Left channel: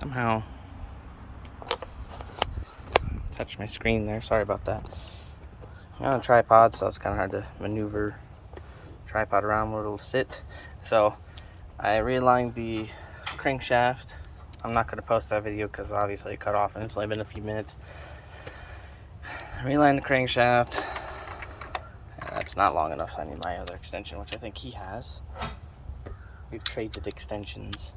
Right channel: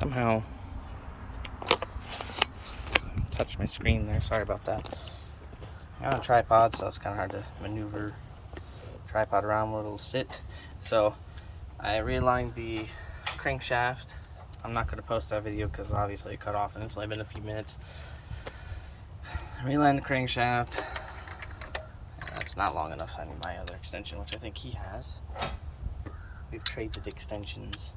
Somehow touched my screen there. Sorry about that. I'm on a tripod, so it's kind of hard to maneuver tripod around where it'll sit. So I realigned the crankshaft. I'm not going to post that video because obviously it cut off and it's only been a few minutes. I realigned the crankshaft. That's not long enough, so I need my other extension, which I think he has. We've traded extensions.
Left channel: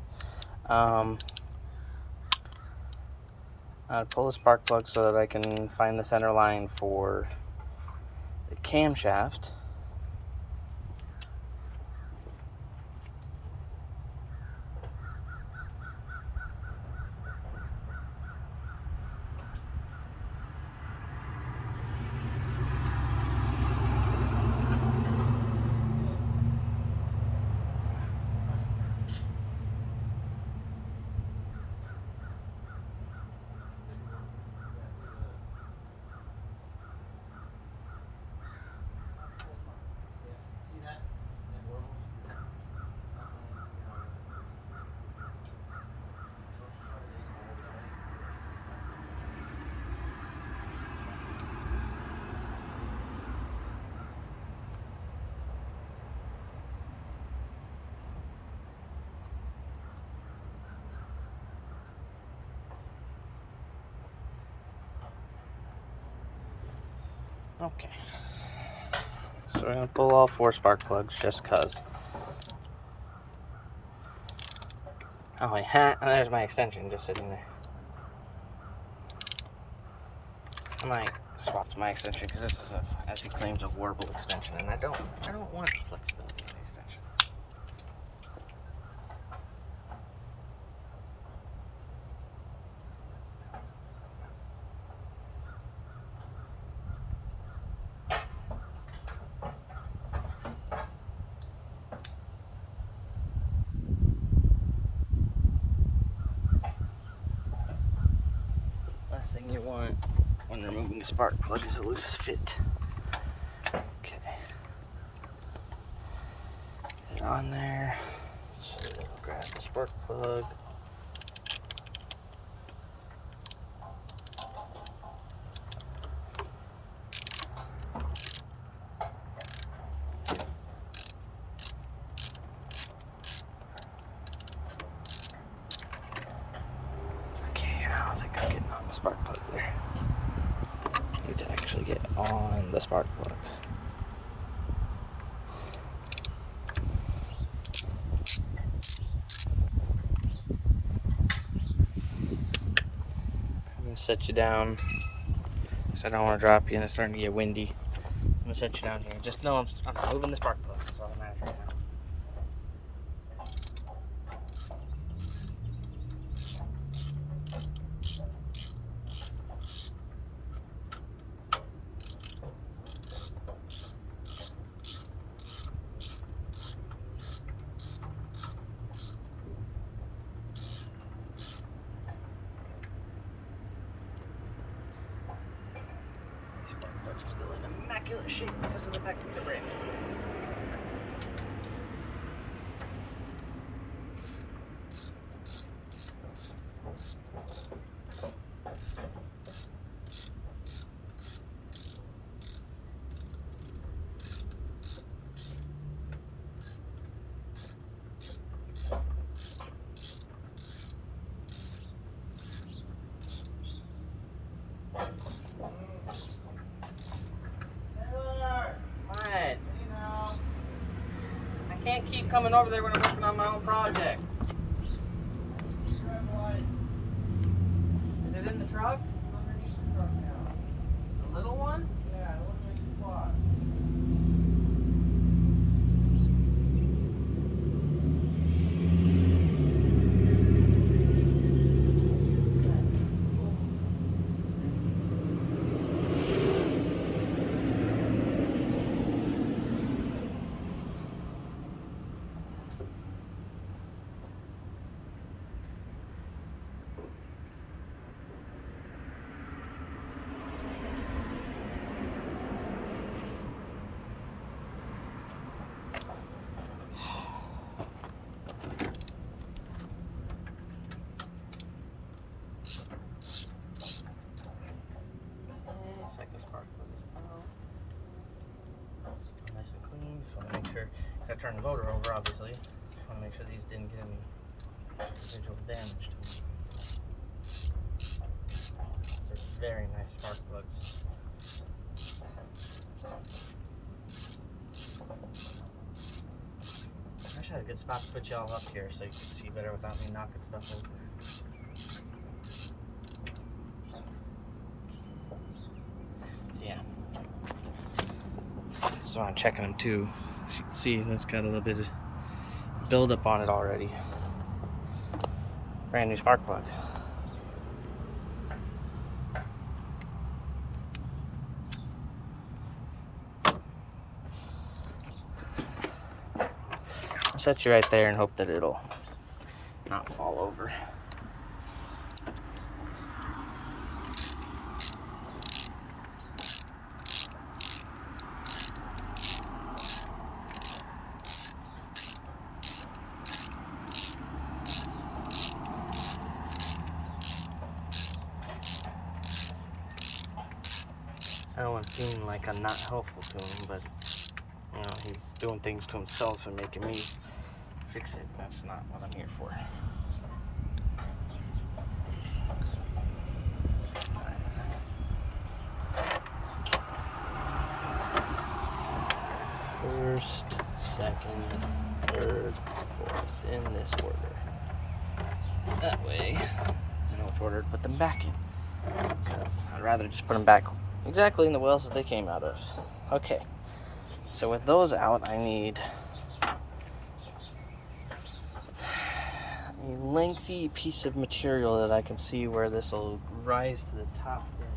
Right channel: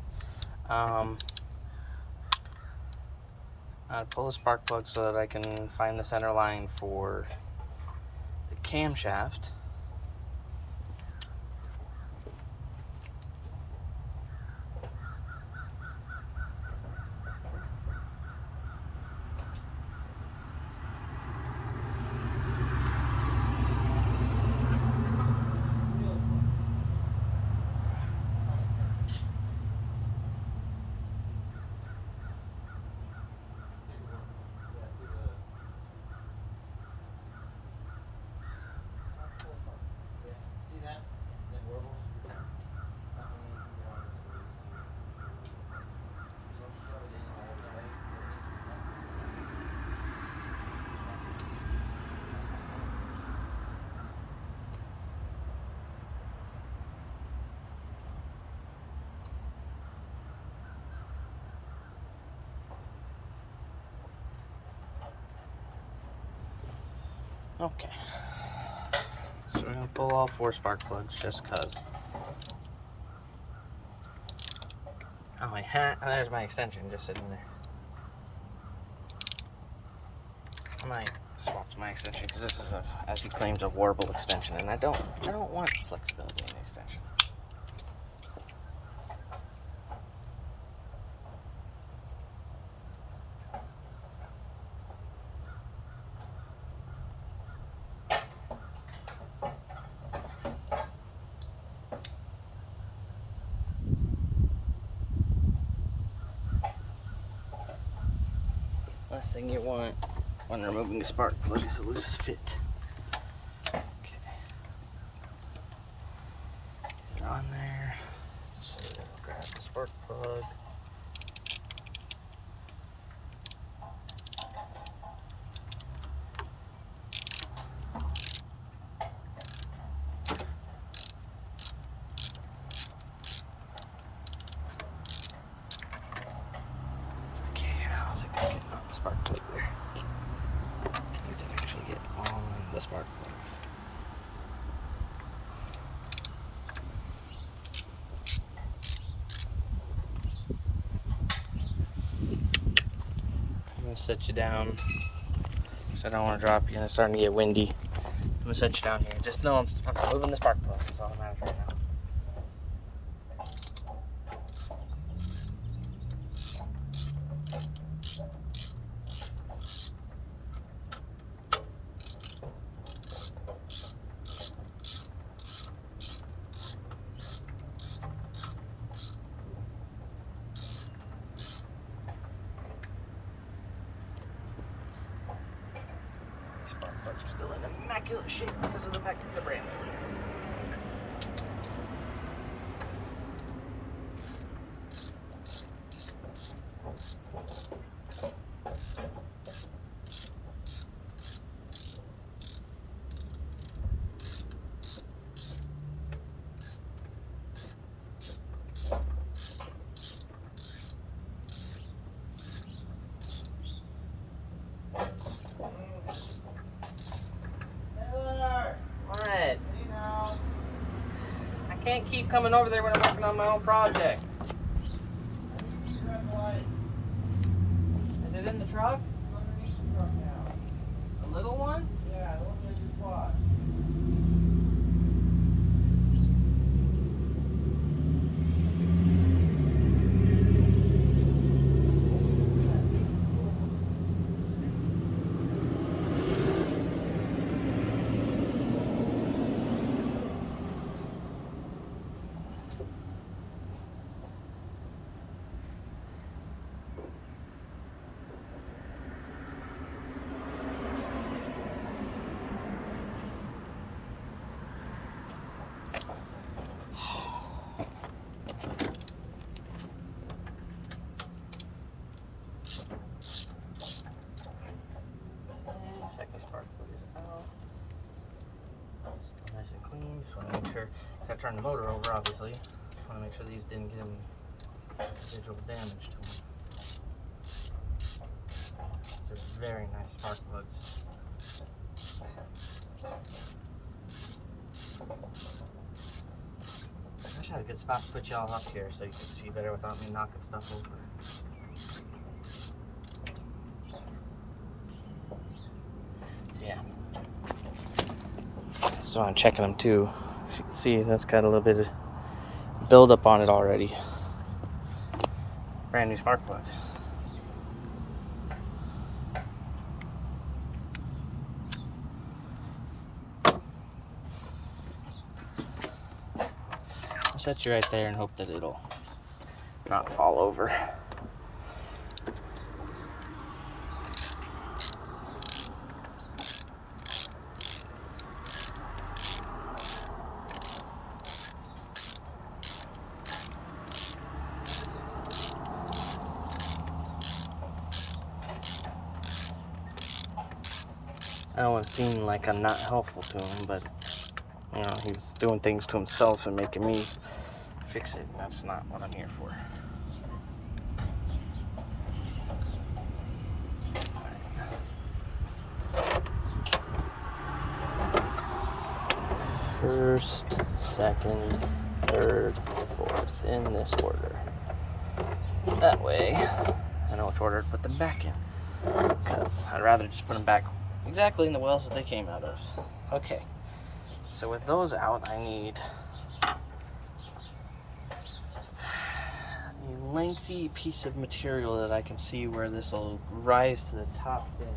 I had to pull the spark plug so that I can find the center line for the camshaft. Okay, so we're going to pull all 4 spark plugs just because. Oh, yeah, and there's my extension just sitting there. I might swap to my extension because this is, as he claims, a warble extension, and I don't want the flexibility in the extension. Last thing you want when removing a spark plug is a loose fit. Okay. Get it on there. So grab the spark plug. Okay, I don't think I'm getting on the spark plug there. I need to actually get on the spark plug. I'm going to set you down because I don't want to drop you and it's starting to get windy. I'm going to set you down here. Just know I'm removing the spark plug. That's all that matters right now. Spark plugs are still in immaculate shape because of the fact that they're brand new. I can't keep coming over there when I'm working on my own projects. Is it in the truck? The little one? Yeah, look at your spot. turn the motor over, obviously. Just want to make sure these didn't get any residual damage to them. These are very nice spark plugs. I wish I had a good spot to put y'all up here so you could see better without me knocking stuff over. Yeah. So I'm checking them too. As you can see, that's got a little bit of buildup on it already. Brand new spark plug. I'll set you right there and hope that it'll not fall over. I don't want to seem like I'm not helpful to him, but you know, he's doing things to himself and making me fix it. That's not what I'm here for. First, second, third, fourth, in this order. That way, I know which order to put them back in. Because I'd rather just put them back exactly in the wells that they came out of. Okay, so with those out, I need a lengthy piece of material that I can see where this will rise to the top bed.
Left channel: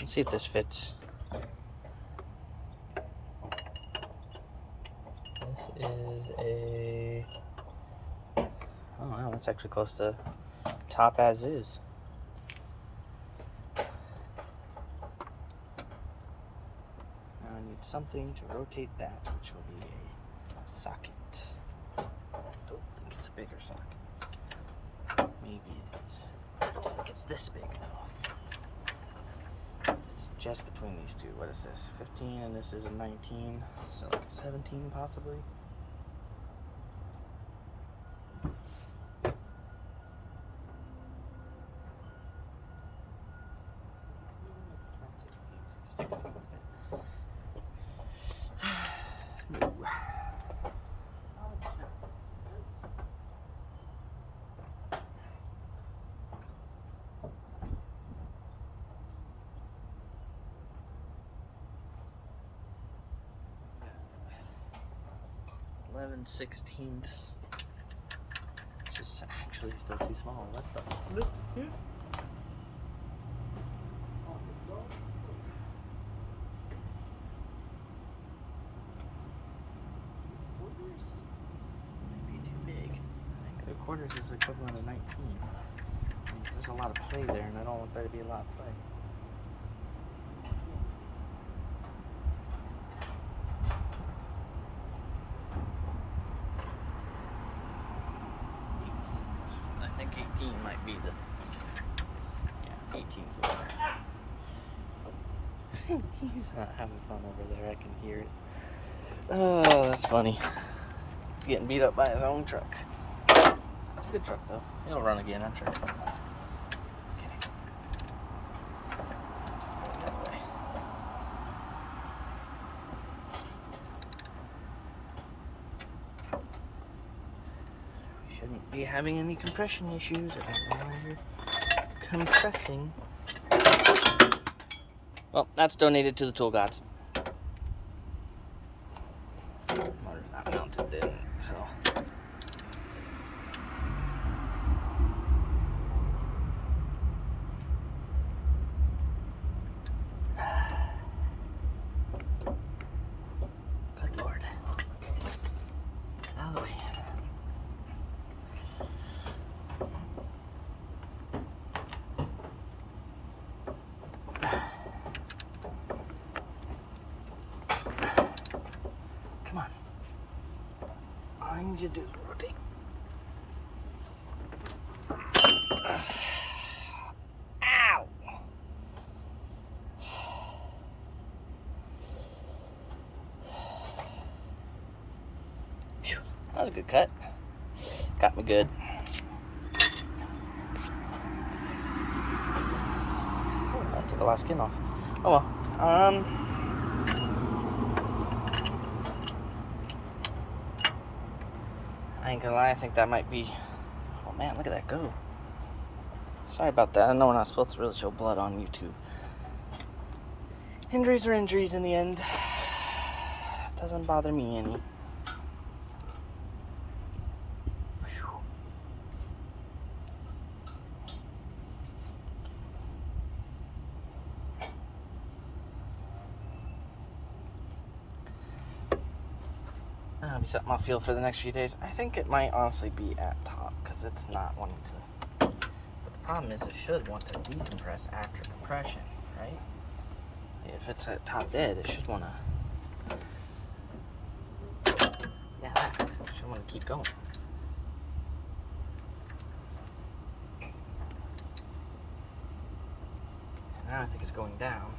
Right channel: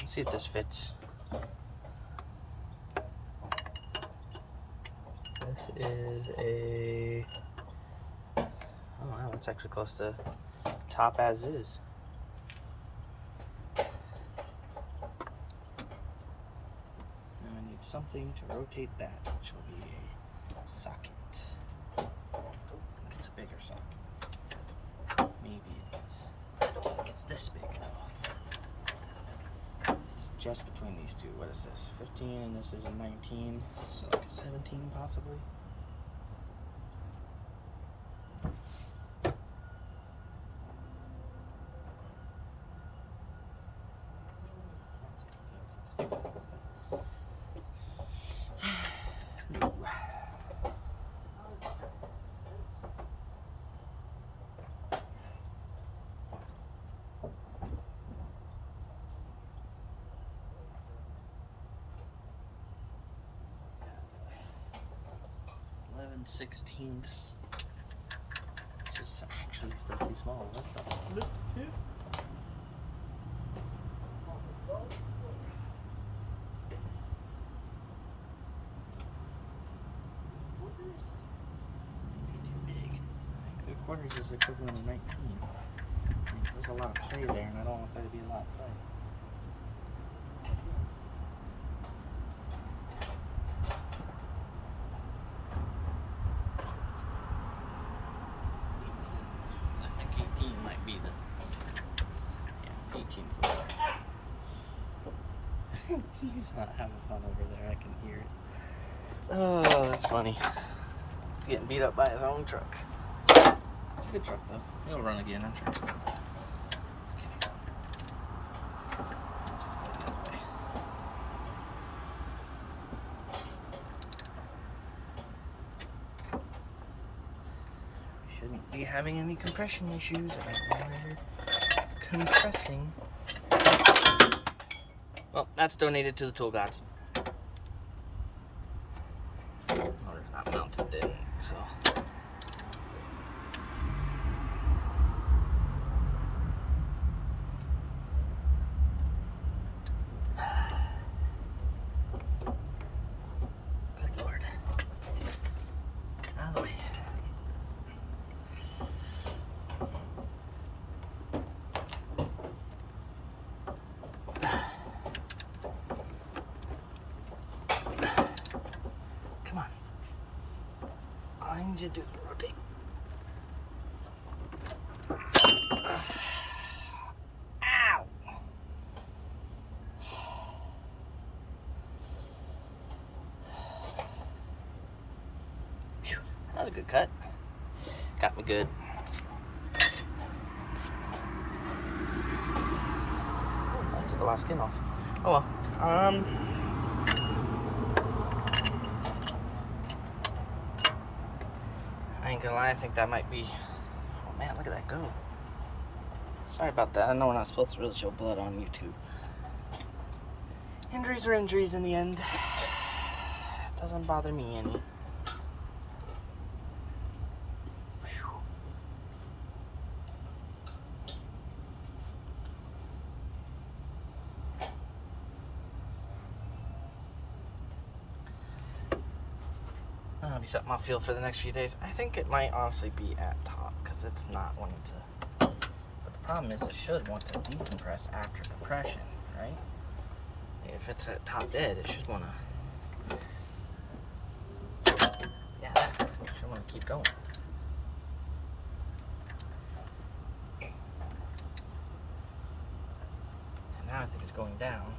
Let's see if this fits. This is a... oh wow, that's actually close to top as is. Now I need something to rotate that, which will be a socket. I don't think it's a bigger socket. Maybe it is. I don't think it's this big though. Just between these two. What is this? 15 and this is a 19. So like a 17 possibly. Ooh. 11/16, which is actually still too small. What the? 3/4 is equivalent of 19. I mean, there's a lot of play there, and I don't want there to be a lot of play. I think 18 might be the... Yeah, 18's the better. He's not having fun over there, I can hear it. Oh, that's funny. He's getting beat up by his own truck. It's a good truck, though. It'll run again, I'm sure. Okay. Go the other way. Shouldn't be having any compression issues. I don't know why you're compressing. Well, that's donated to the Tool Gods. Motor's not mounted in, so. Good Lord. Get out of the way. Come on. I need you to rotate. Ow! Phew, that was a good cut. Got me good. I took a lot of skin off. Oh well. I ain't gonna lie, I think that might be... Oh man, look at that go. Sorry about that. I know we're not supposed to really show blood on YouTube. Injuries are injuries in the end. Doesn't bother me any. That'll be something I'll feel for the next few days. I think it might honestly be at top because it's not wanting to. But the problem is it should want to decompress after compression, right? If it's at top dead, it should want to. Yeah, that. It should want to keep going. And now I think it's going down.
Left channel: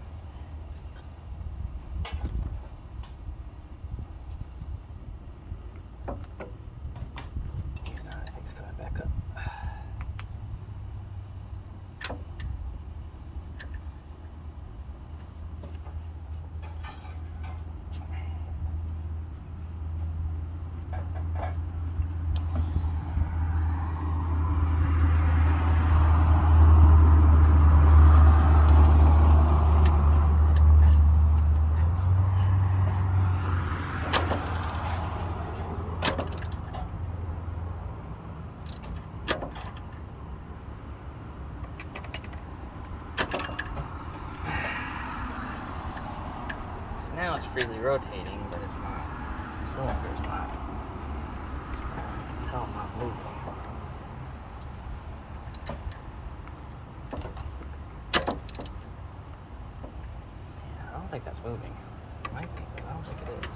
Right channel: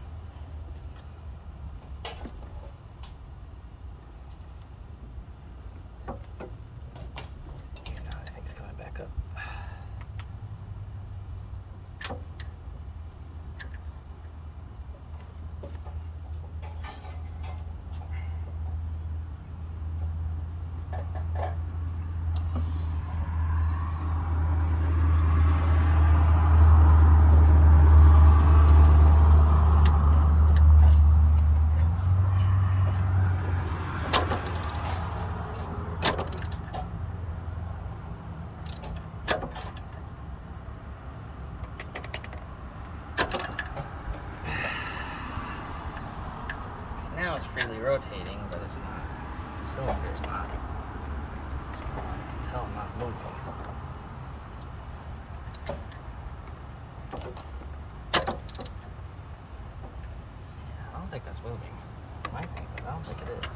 Now it's freely rotating, but it's not. The cylinder's not. As far as I can tell, not moving. Yeah, I don't think that's moving. It might be, but I don't think it is.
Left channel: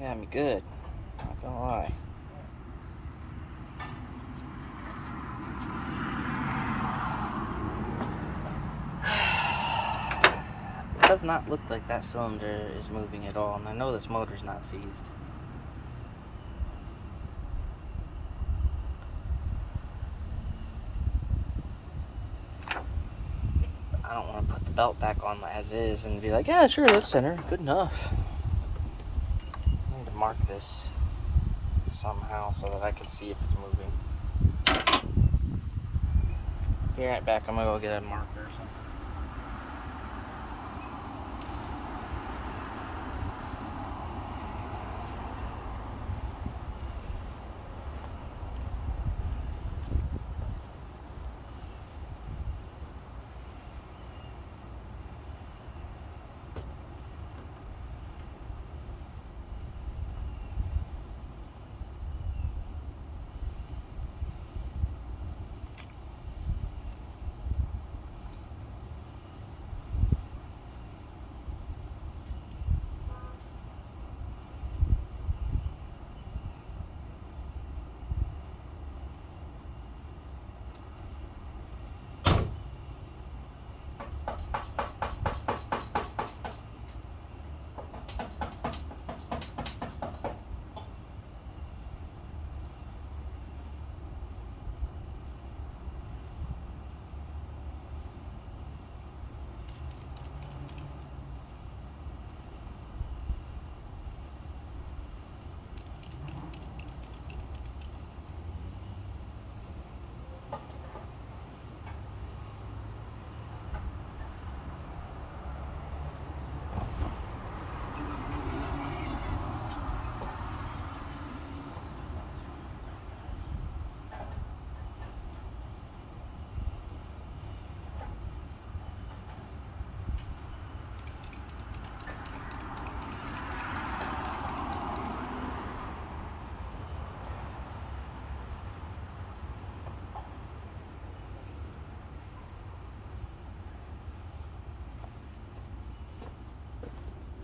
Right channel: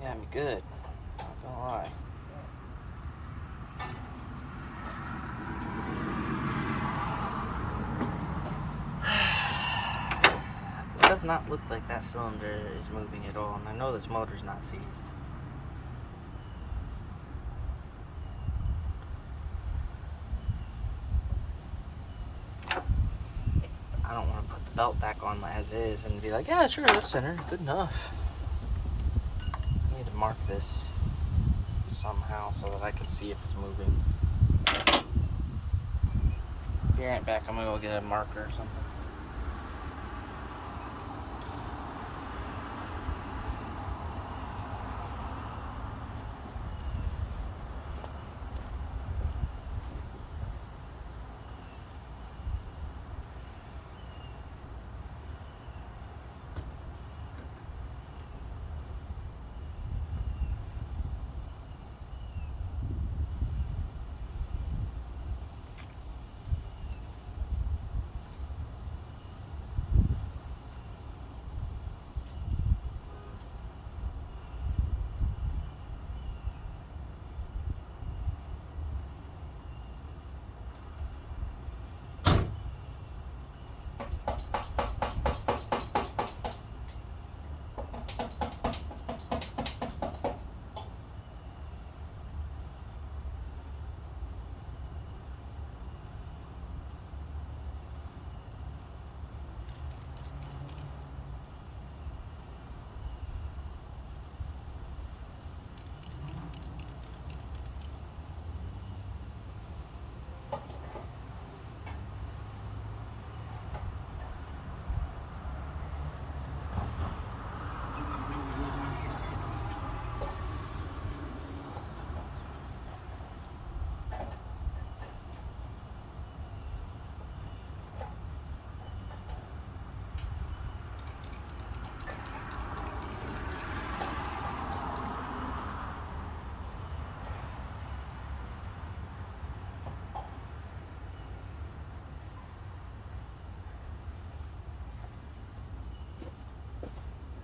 Got me good. Not gonna lie. It does not look like that cylinder is moving at all, and I know this motor's not seized. I don't want to put the belt back on as is and be like, yeah, sure, that's center, good enough. Mark this somehow so that I can see if it's moving. Be right back. I'm gonna go get a marker or something.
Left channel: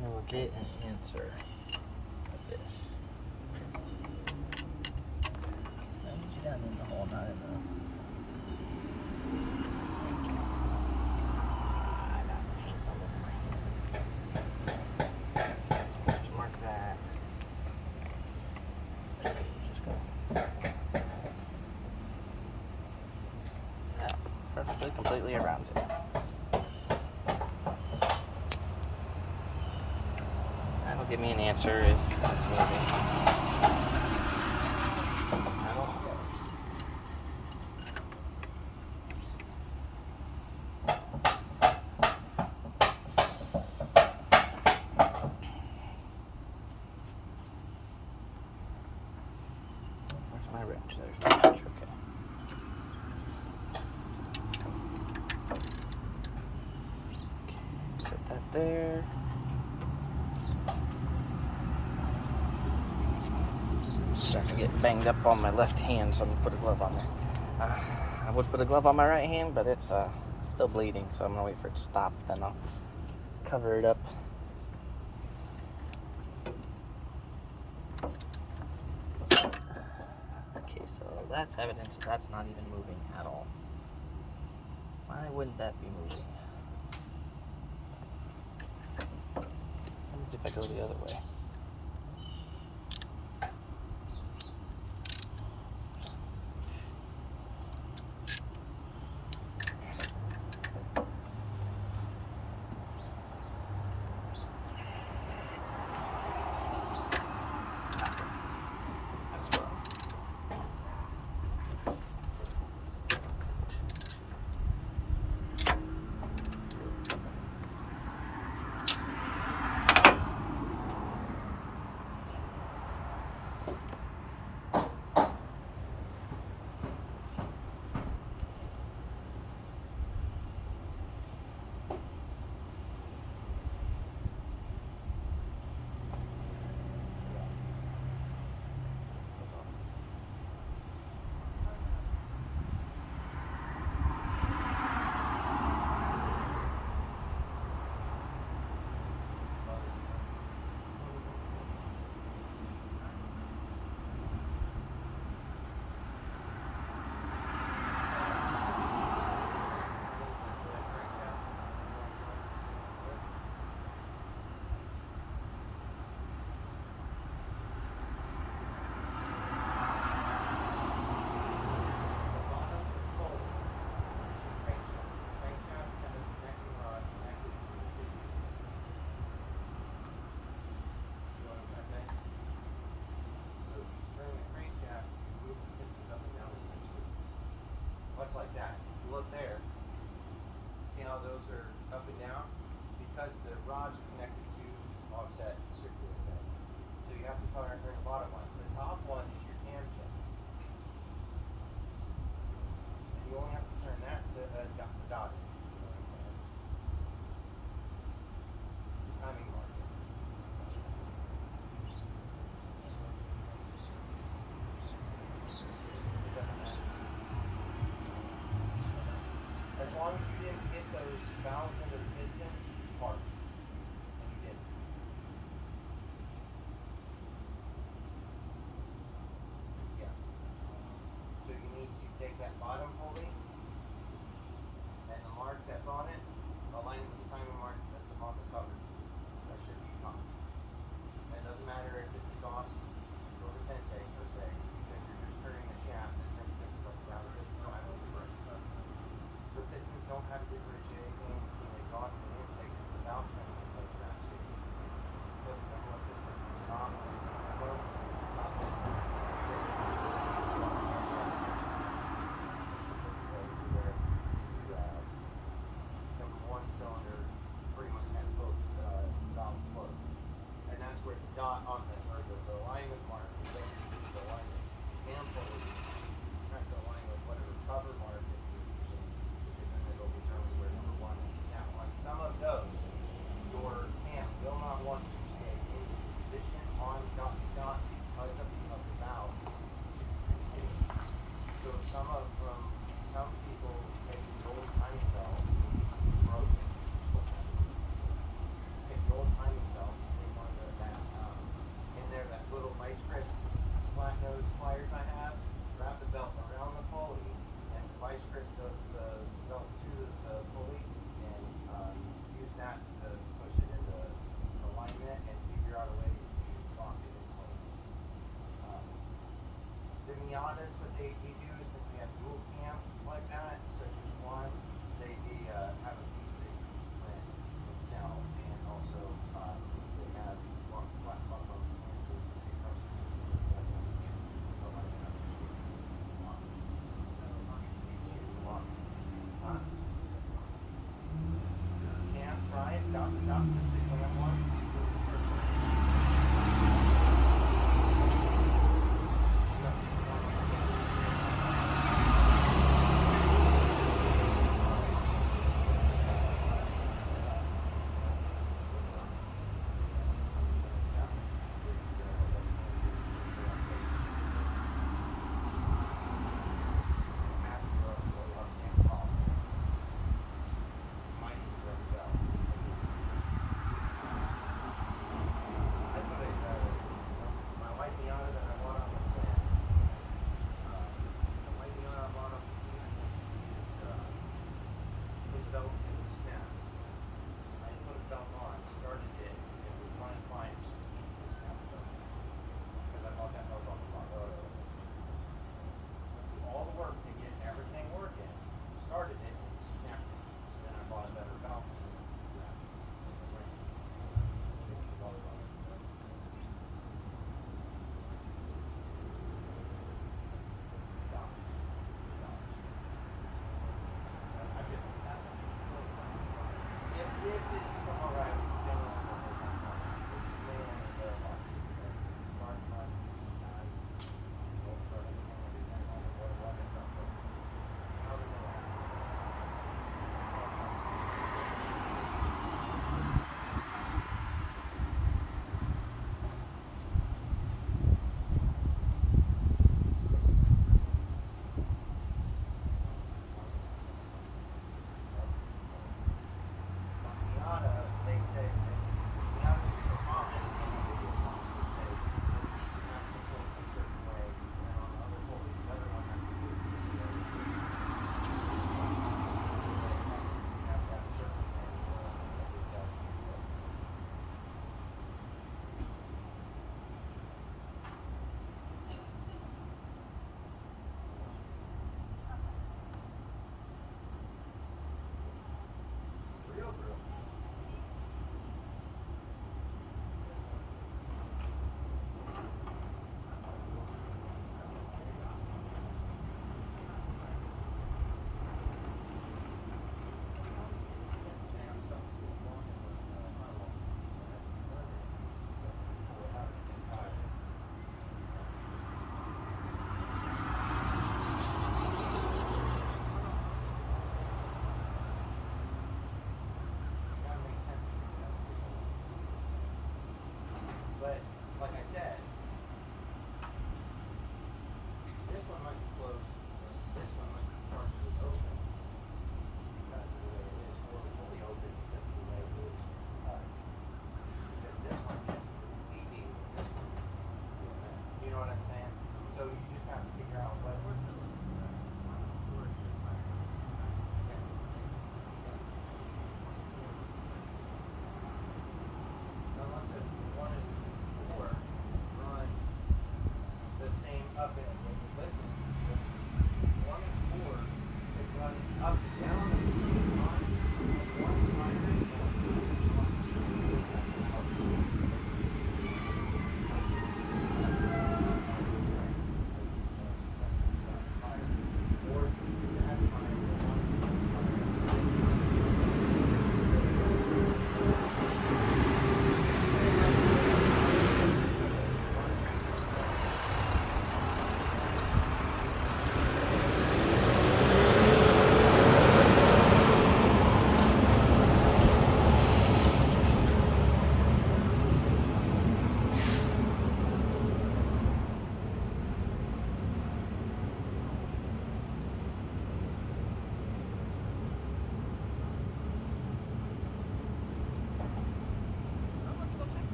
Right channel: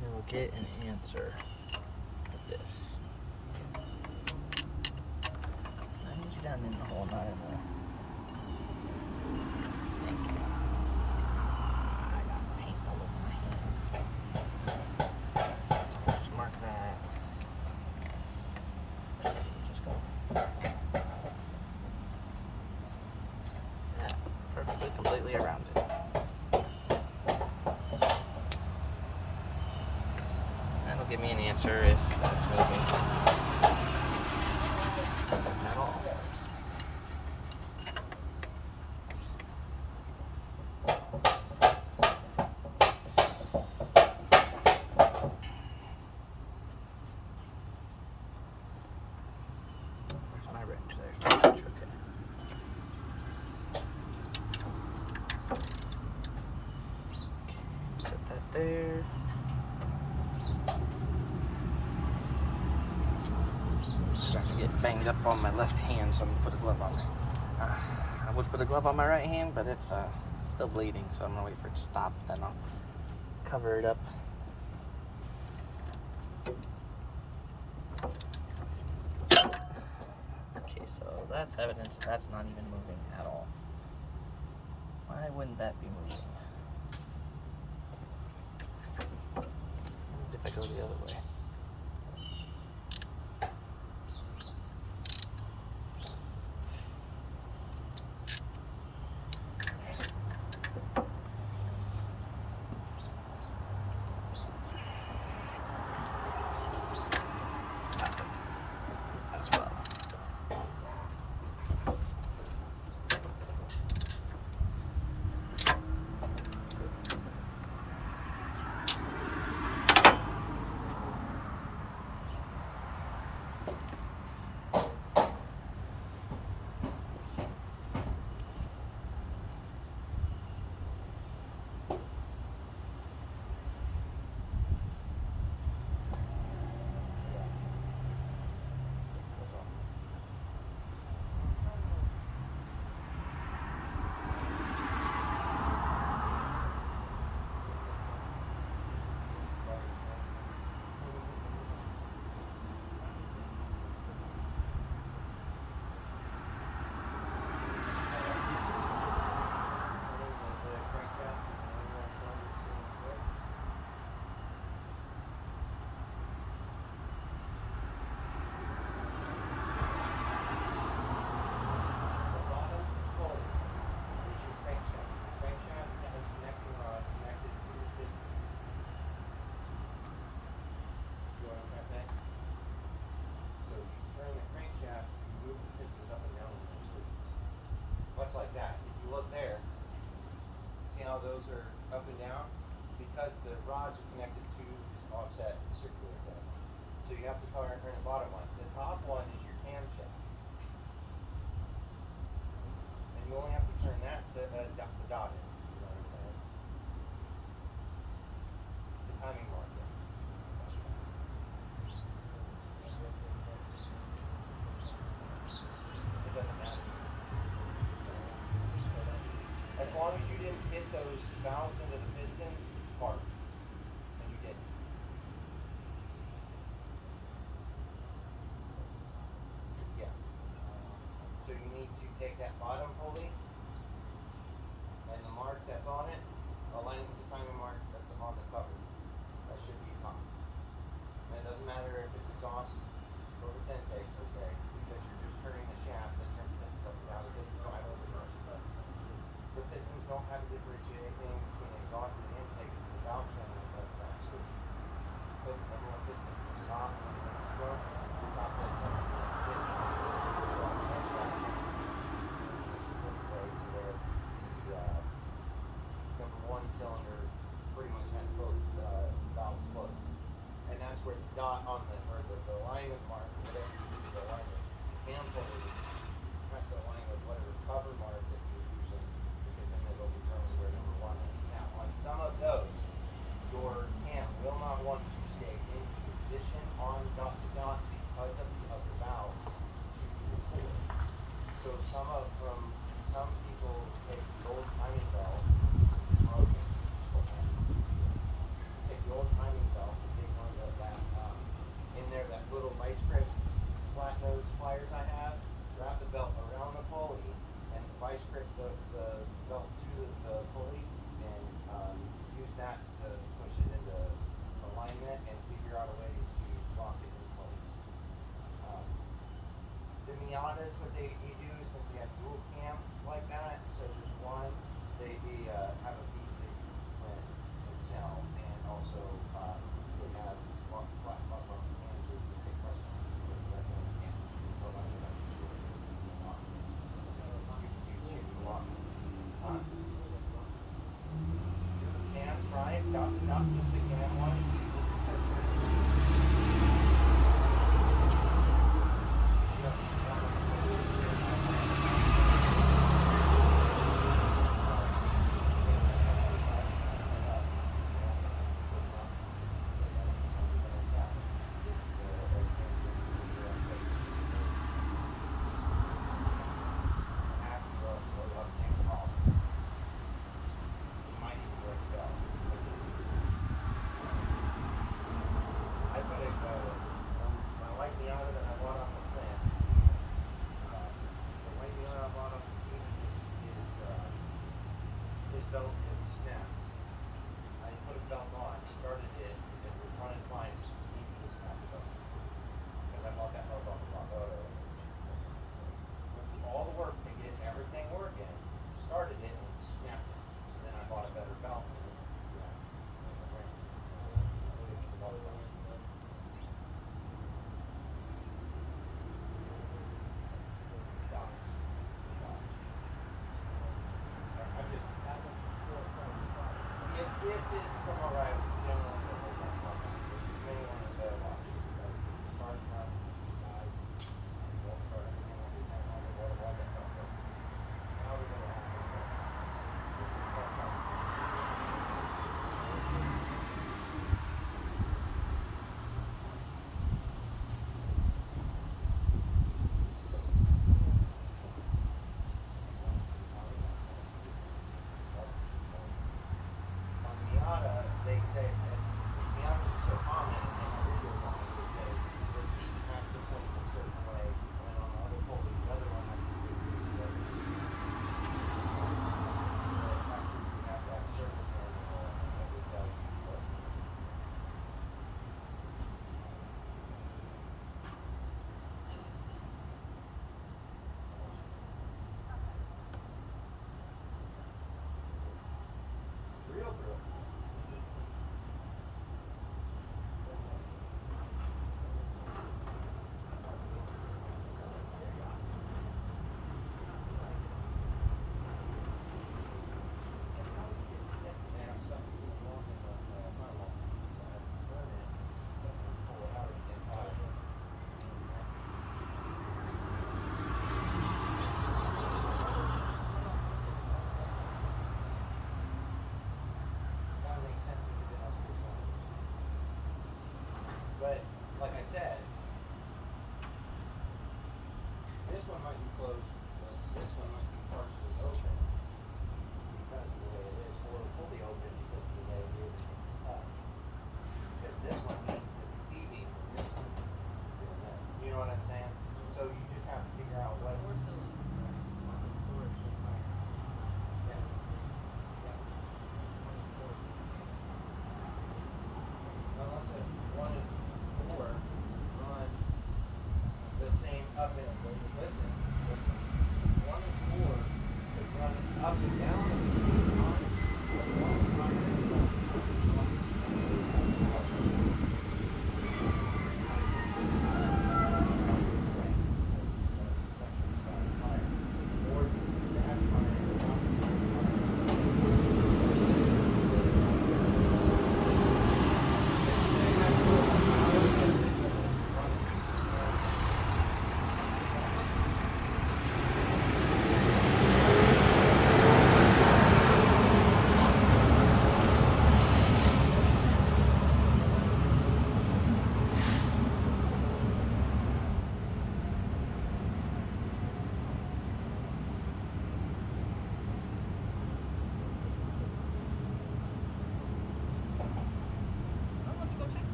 We'll get an answer of this. I need you down in the hole, not in the... Thank you. I got paint all over my hand. Just mark that. Just go. Yeah, perfectly, completely around it. That'll give me an answer if that's moving at all. Where's my wrench? There's my wrench. Okay. Set that there. Starting to get banged up on my left hand, so I'm gonna put a glove on there. I would put a glove on my right hand, but it's still bleeding, so I'm gonna wait for it to stop, then I'll cover it up. Okay, so that's evidence that that's not even moving at all. Why wouldn't that be moving? What if I go the other way?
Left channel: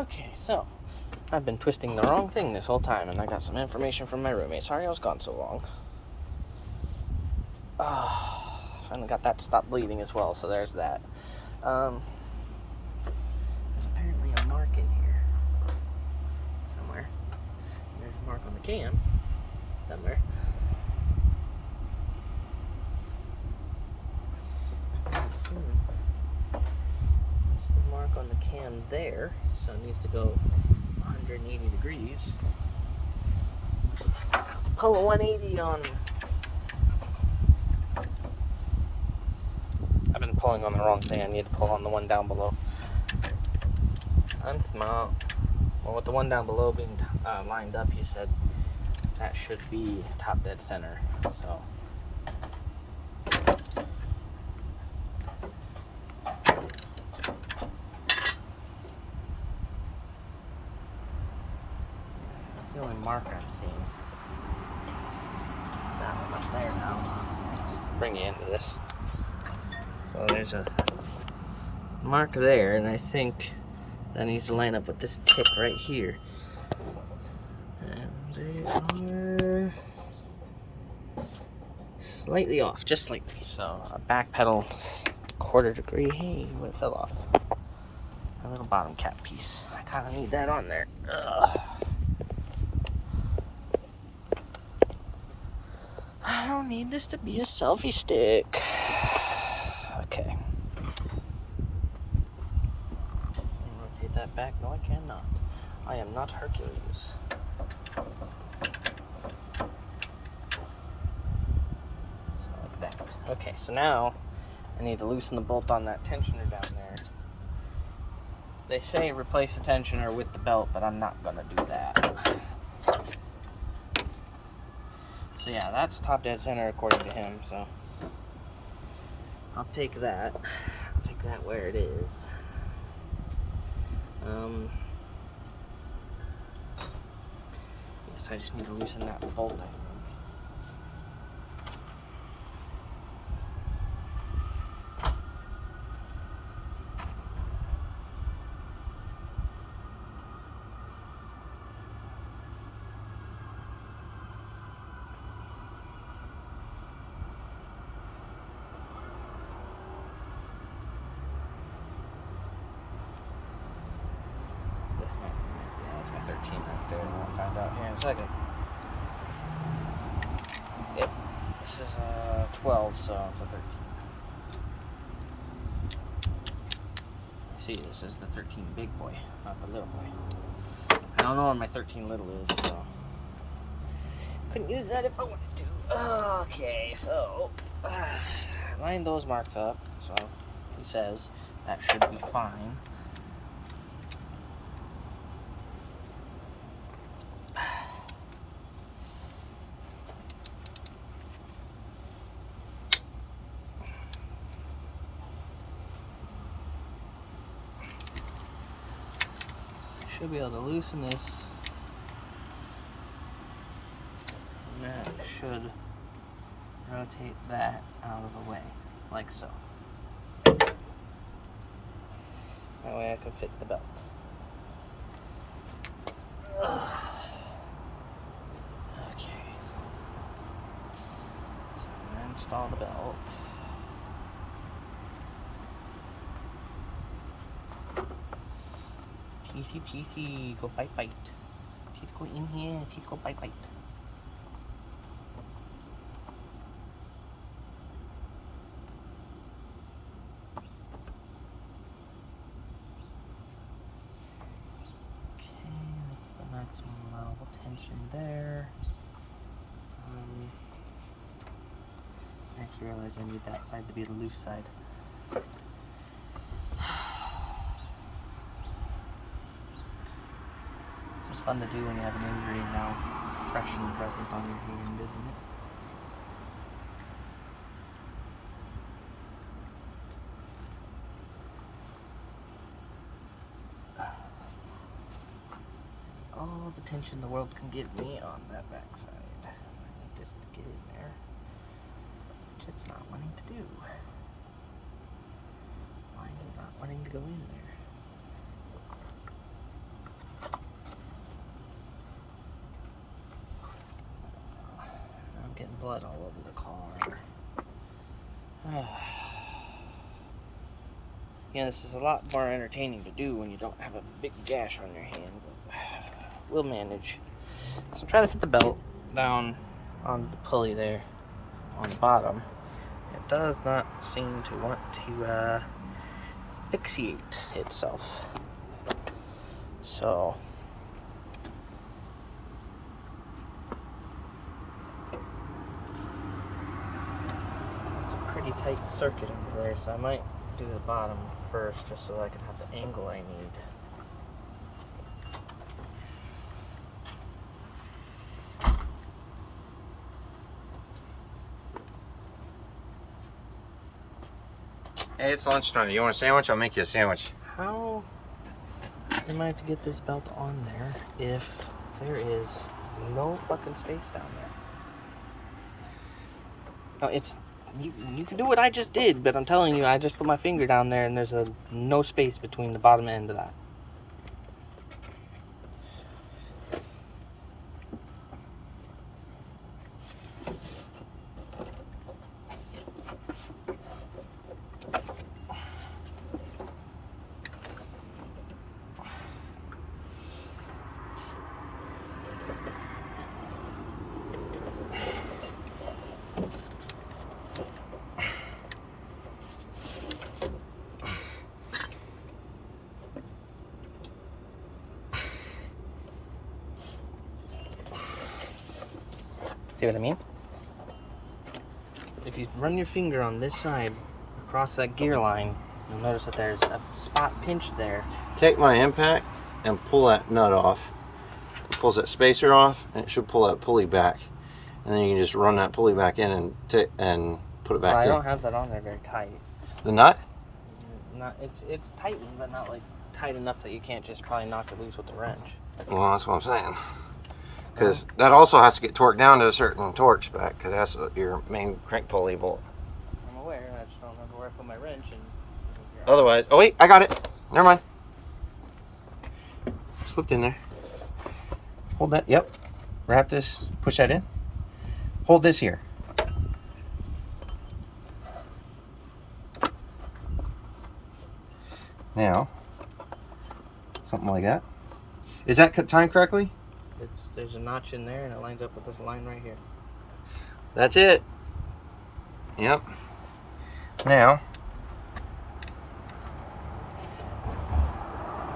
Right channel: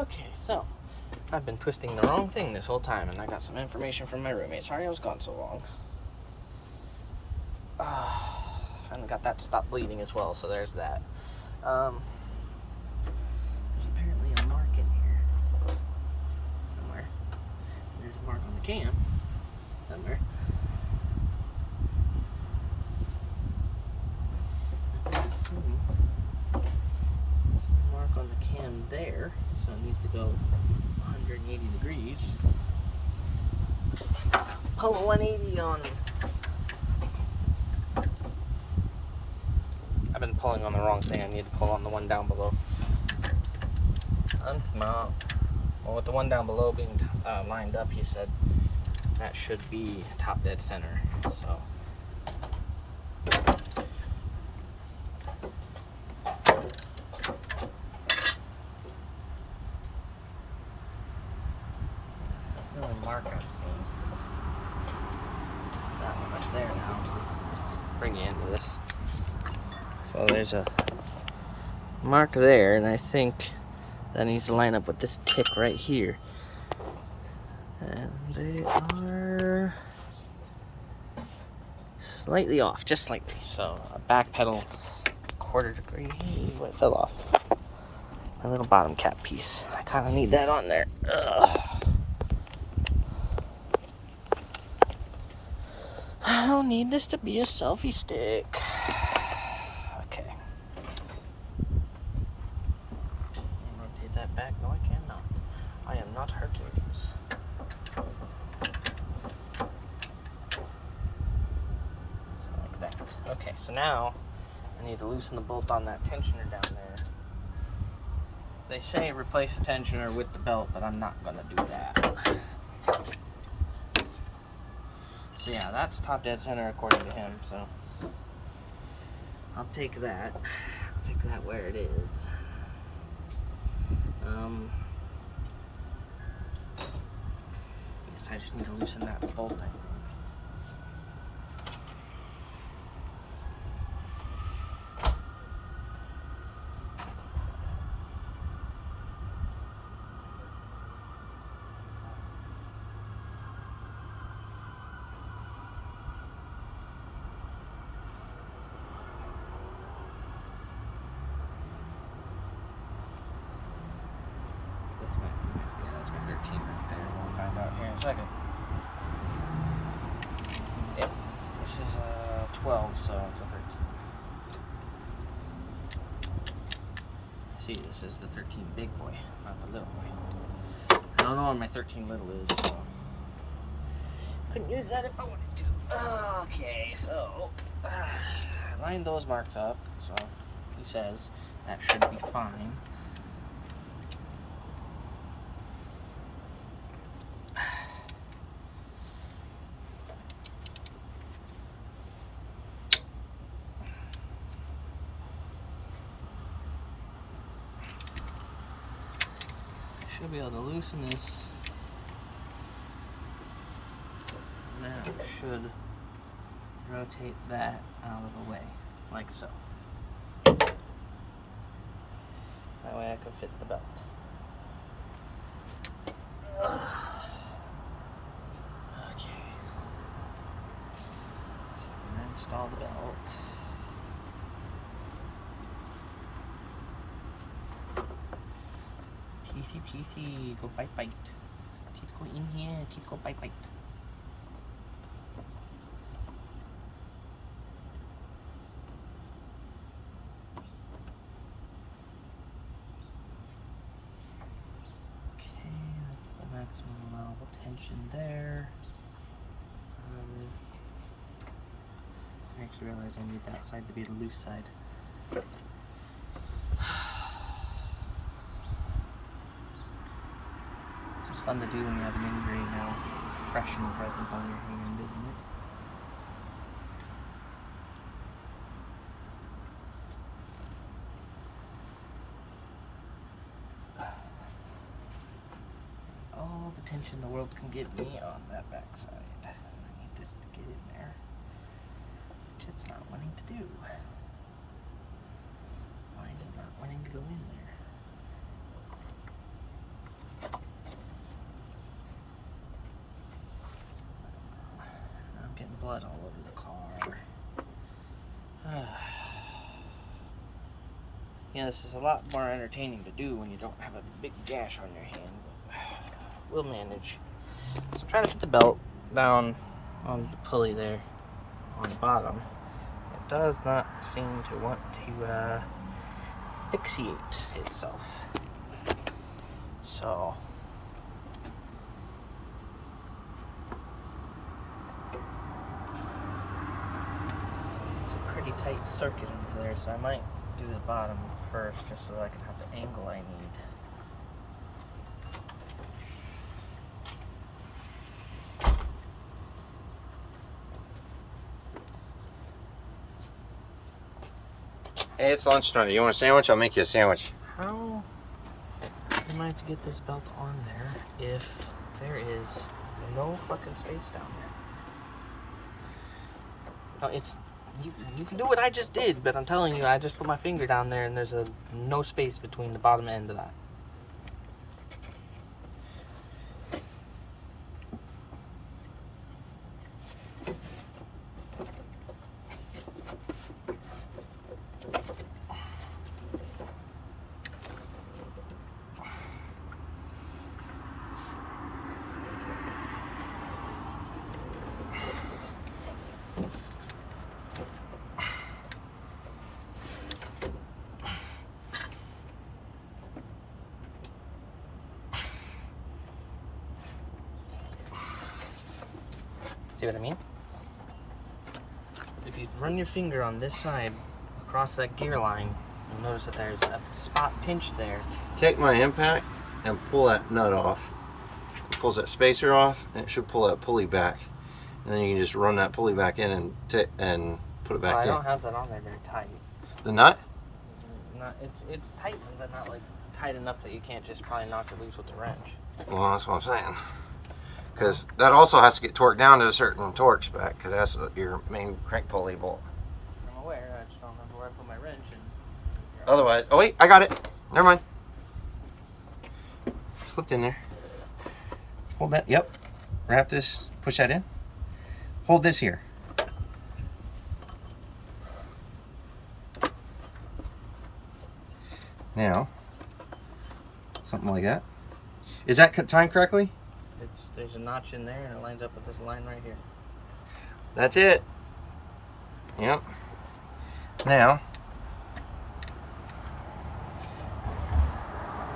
Okay, so I've been twisting the wrong thing this whole time, and I got some information from my roommate. Sorry I was gone so long. Oh, finally got that to stop bleeding as well, so there's that. There's apparently a mark in here somewhere. There's a mark on the cam somewhere. There's the mark on the cam there, so it needs to go 180 degrees. Pull a 180 on. I've been pulling on the wrong thing. I need to pull on the one down below. I'm smart. Well, with the one down below being lined up, he said that should be top dead center. So. That's the only mark I'm seeing. There's that one up there now. Bring you into this. So there's a mark there, and I think that needs to line up with this tip right here. And they are slightly off, just slightly. So a back pedal, quarter degree. Hey, it fell off. My little bottom cap piece. I kind of need that on there. Ugh. I don't need this to be a selfie stick. Okay. Rotate that back. No, I cannot. I am not Hercules. So like that. Okay, so now I need to loosen the bolt on that tensioner down there. They say replace the tensioner with the belt, but I'm not gonna do that. So yeah, that's top dead center according to him, so I'll take that. I'll take that where it is. Yes, I just need to loosen that bolt, I think. That's my 13 right there. We'll find out here in a second. Yep. This is 12, so it's a 13. See, this is the 13 big boy, not the little boy. I don't know where my 13 little is, so couldn't use that if I wanted to. Okay, so line those marks up. So he says that should be fine. Should be able to loosen this, and that should rotate that out of the way, like so. That way I can fit the belt. Okay. So I'm going to install the belt. Teethy, go bite. Teeth go in here, teeth go bite. Okay, that's the maximum allowable tension there. I actually realize I need that side to be the loose side. This is fun to do when you have an injury fresh and present on your hand, isn't it? All the tension the world can give me on that backside. I need this to get in there, which it's not wanting to do. Why is it not wanting to go in there? blood all over the car. Yeah, this is a lot more entertaining to do when you don't have a big gash on your hand. We'll manage. So I'm trying to fit the belt down on the pulley there on the bottom. It does not seem to want to fixate itself. So it's a pretty tight circuit under there, so I might do the bottom first just so that I can have the angle I need. Hey, it's lunchtime. You want a sandwich? I'll make you a sandwich. How am I to get this belt on there if there is no fucking space down there? No, it's you can do what I just did, but I'm telling you, I just put my finger down there and there's no space between the bottom end of that. See what I mean? If you run your finger on this side across that gear line, you'll notice that there's a spot pinched there. Take my impact and pull that nut off. It pulls that spacer off, and it should pull that pulley back. And then you can just run that pulley back in and put it back I in. don't have that on there very tight. The nut? Not it's tightened, but not like tight enough that you can't just probably knock it loose with the wrench. Well, that's what I'm saying. Because that also has to get torqued down to a certain torque spec, because that's your main crank pulley bolt. I'm aware. I just don't remember where I put my wrench. And Otherwise, oh wait, I got it. Never mind. Slipped in there. Hold that. Yep. Wrap this. Push that in. Hold this here. Now, something like that. Is that timed correctly? there's a notch in there, and it lines up with this line right here. That's it. Yep. Now,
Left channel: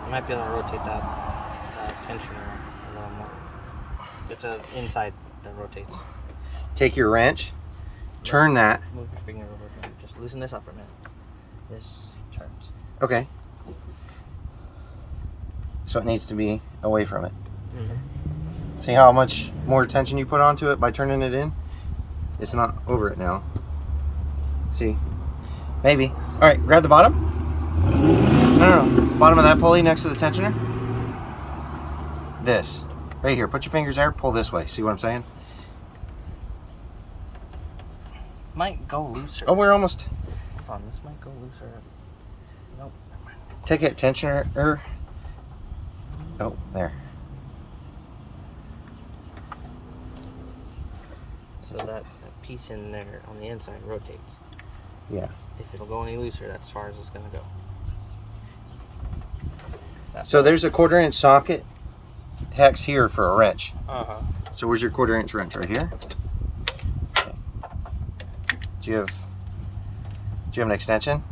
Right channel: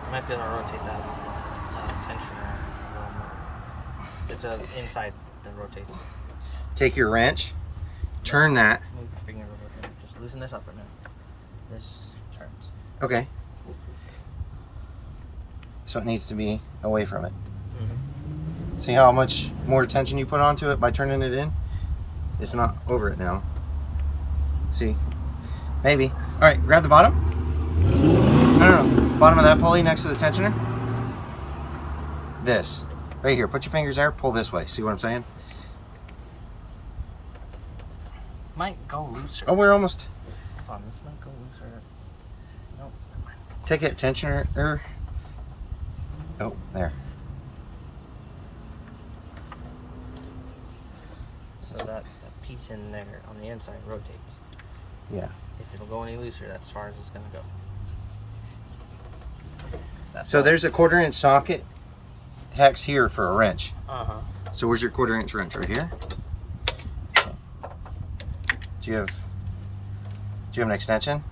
You might be able to rotate that tensioner a little more. It's an inside that rotates. take your wrench, turn that. Move your finger over here. Just loosen this up right now. This turns. Okay. So it needs to be away from it. Mm-hmm. See how much more tension you put onto it by turning it in? It's not over it now. See? Maybe. All right, grab the bottom. No. Bottom of that pulley next to the tensioner. This. Right here. Put your fingers there. Pull this way. See what I'm saying? Might go looser. Oh, we're almost. Hold on, this might go looser. Nope. Take that tensioner. Oh, there. So that piece in there on the inside rotates. Yeah. If it'll go any looser, that's as far as it's going to go. So there's a 1/4 inch socket hex here for a wrench. Uh-huh. So where's your 1/4 inch wrench? Right here? Okay. Do you have an extension?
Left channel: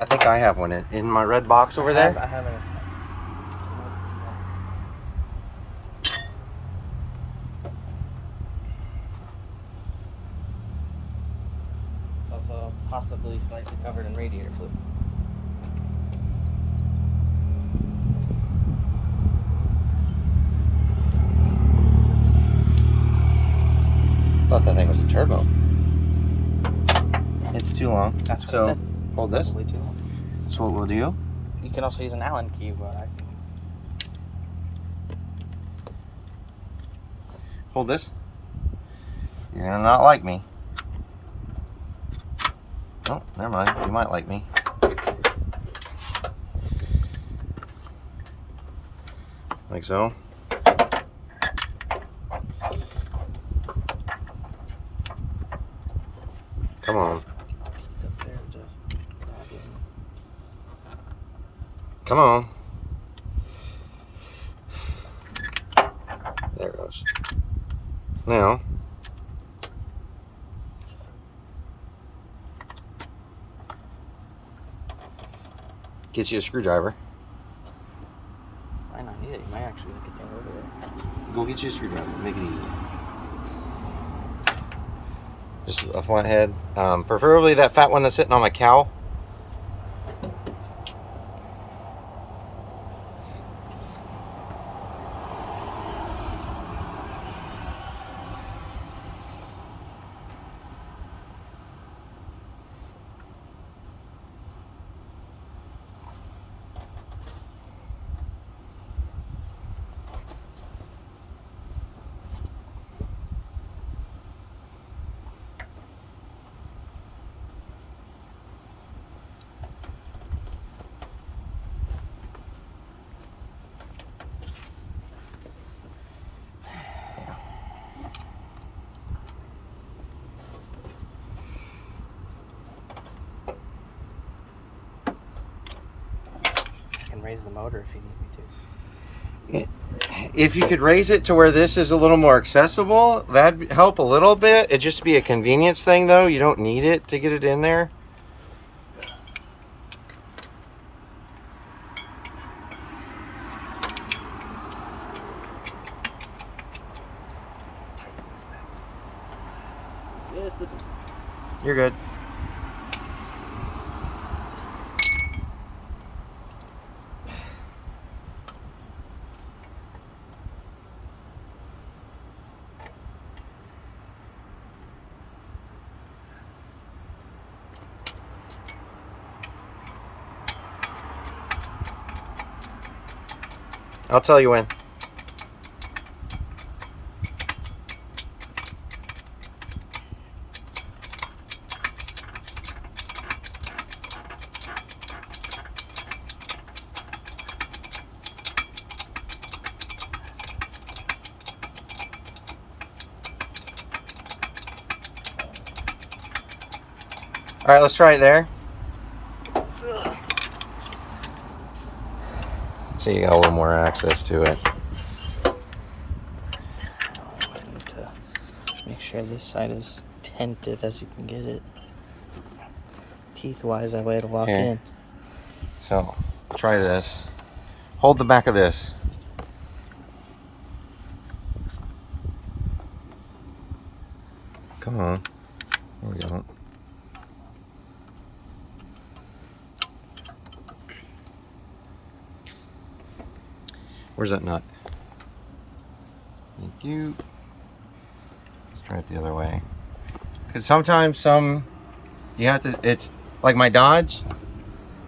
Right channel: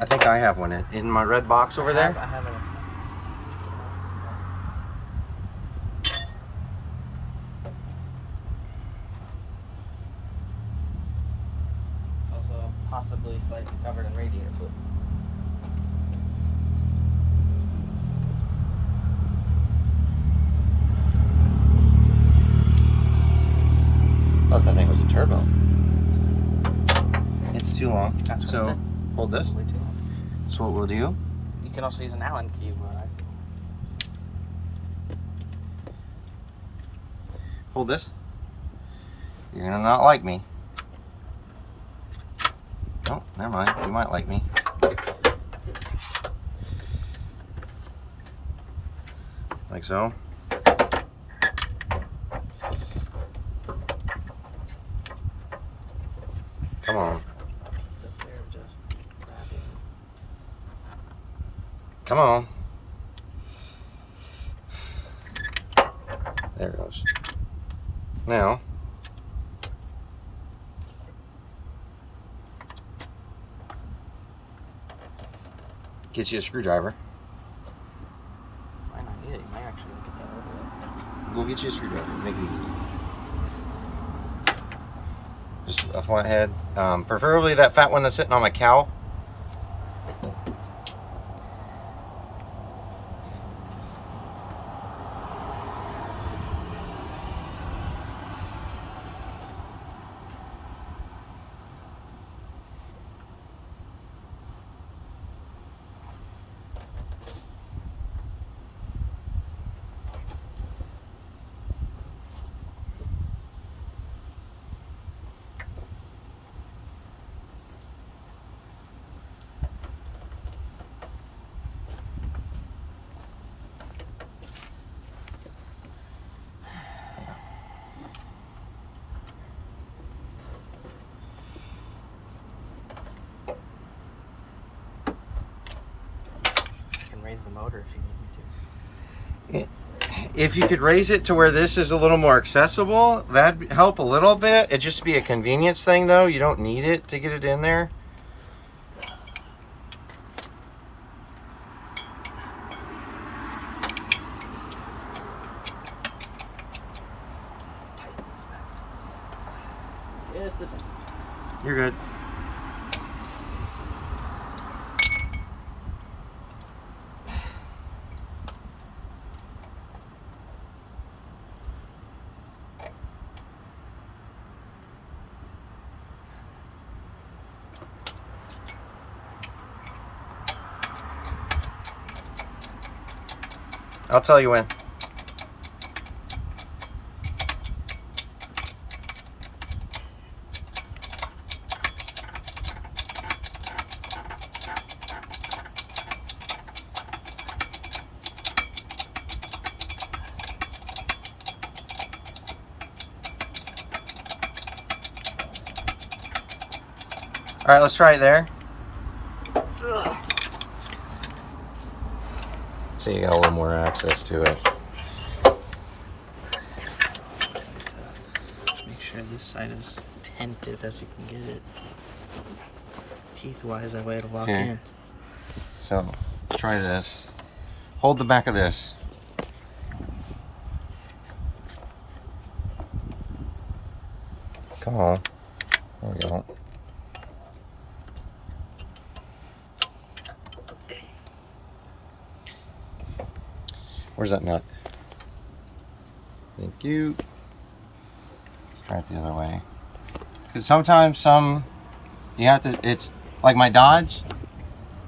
I think I have one in my red box over there. I have it. Also possibly slightly covered in radiator fluid. I thought that thing was a turbo. It's too long. That's what I so said. hold this. Way too long. So what we'll do? You can also use an Allen key, what I see. Hold this. You're gonna not like me. Oh, never mind. You might like me. Like so. Come on. There it goes. Now, get you a screwdriver. Might not need it. You might actually get that over Go get you a screwdriver. Make it easy. Just a flathead. Preferably that fat one that's sitting on my cowl. I can raise the motor if you need me to. If you could raise it to where this is a little more accessible, that'd help a little bit. It'd just be a convenience thing, though. You don't need it to get it in there. Yes, this one. You're good. I'll tell you when. All right, let's try it there. So you got a little more access to it. Make sure this side is tented as you can get it. Teeth-wise, that way it'll lock Here. in. So try this. Hold the back of this. Come on. There we go. Where's that nut? Thank you. Let's try it the other way. Because sometimes you have to, it's like my Dodge,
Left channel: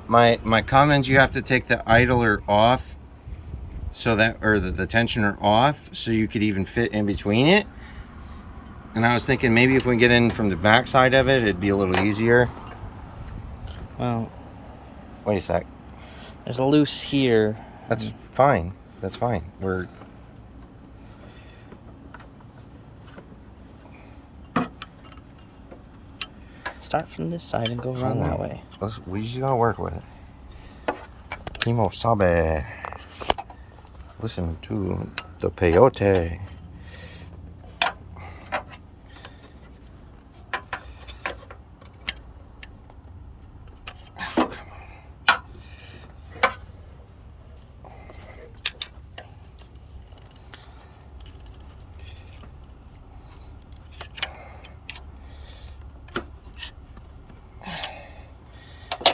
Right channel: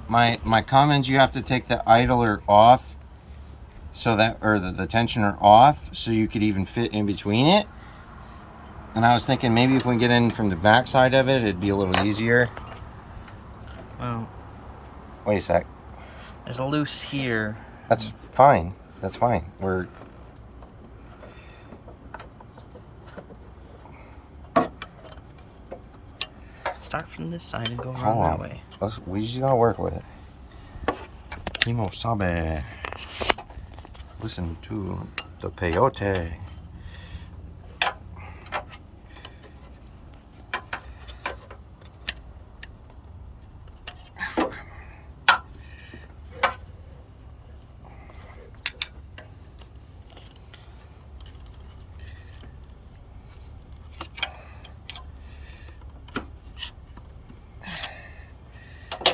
my Cummins, you have to take the idler off so that, or the tensioner off so you could even fit in between it. And I was thinking maybe if we get in from the back side of it, it'd be a little easier. Well, Wait a sec. there's a loose here. That's fine. That's fine. We're Start from this side and go Hold around on. that way. we just gotta work with it. Kimo Sabe. Listen to the peyote.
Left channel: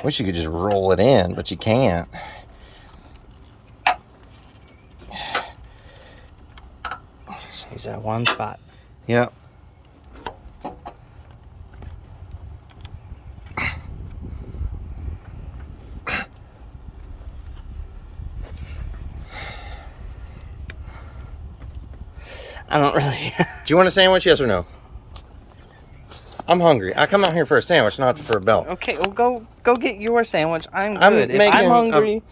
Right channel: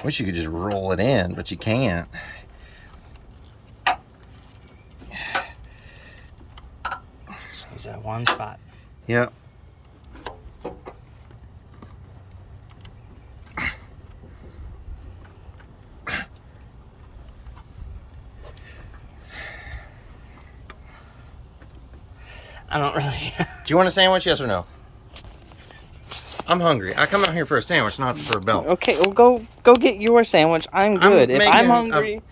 Wish you could just roll it in, but you can't. So he's at one spot. Yep. I don't really. Do you want a sandwich? Yes or no? I'm hungry. I come out here for a sandwich, not for a belt. Okay, well go get your sandwich. I'm I'm good. making-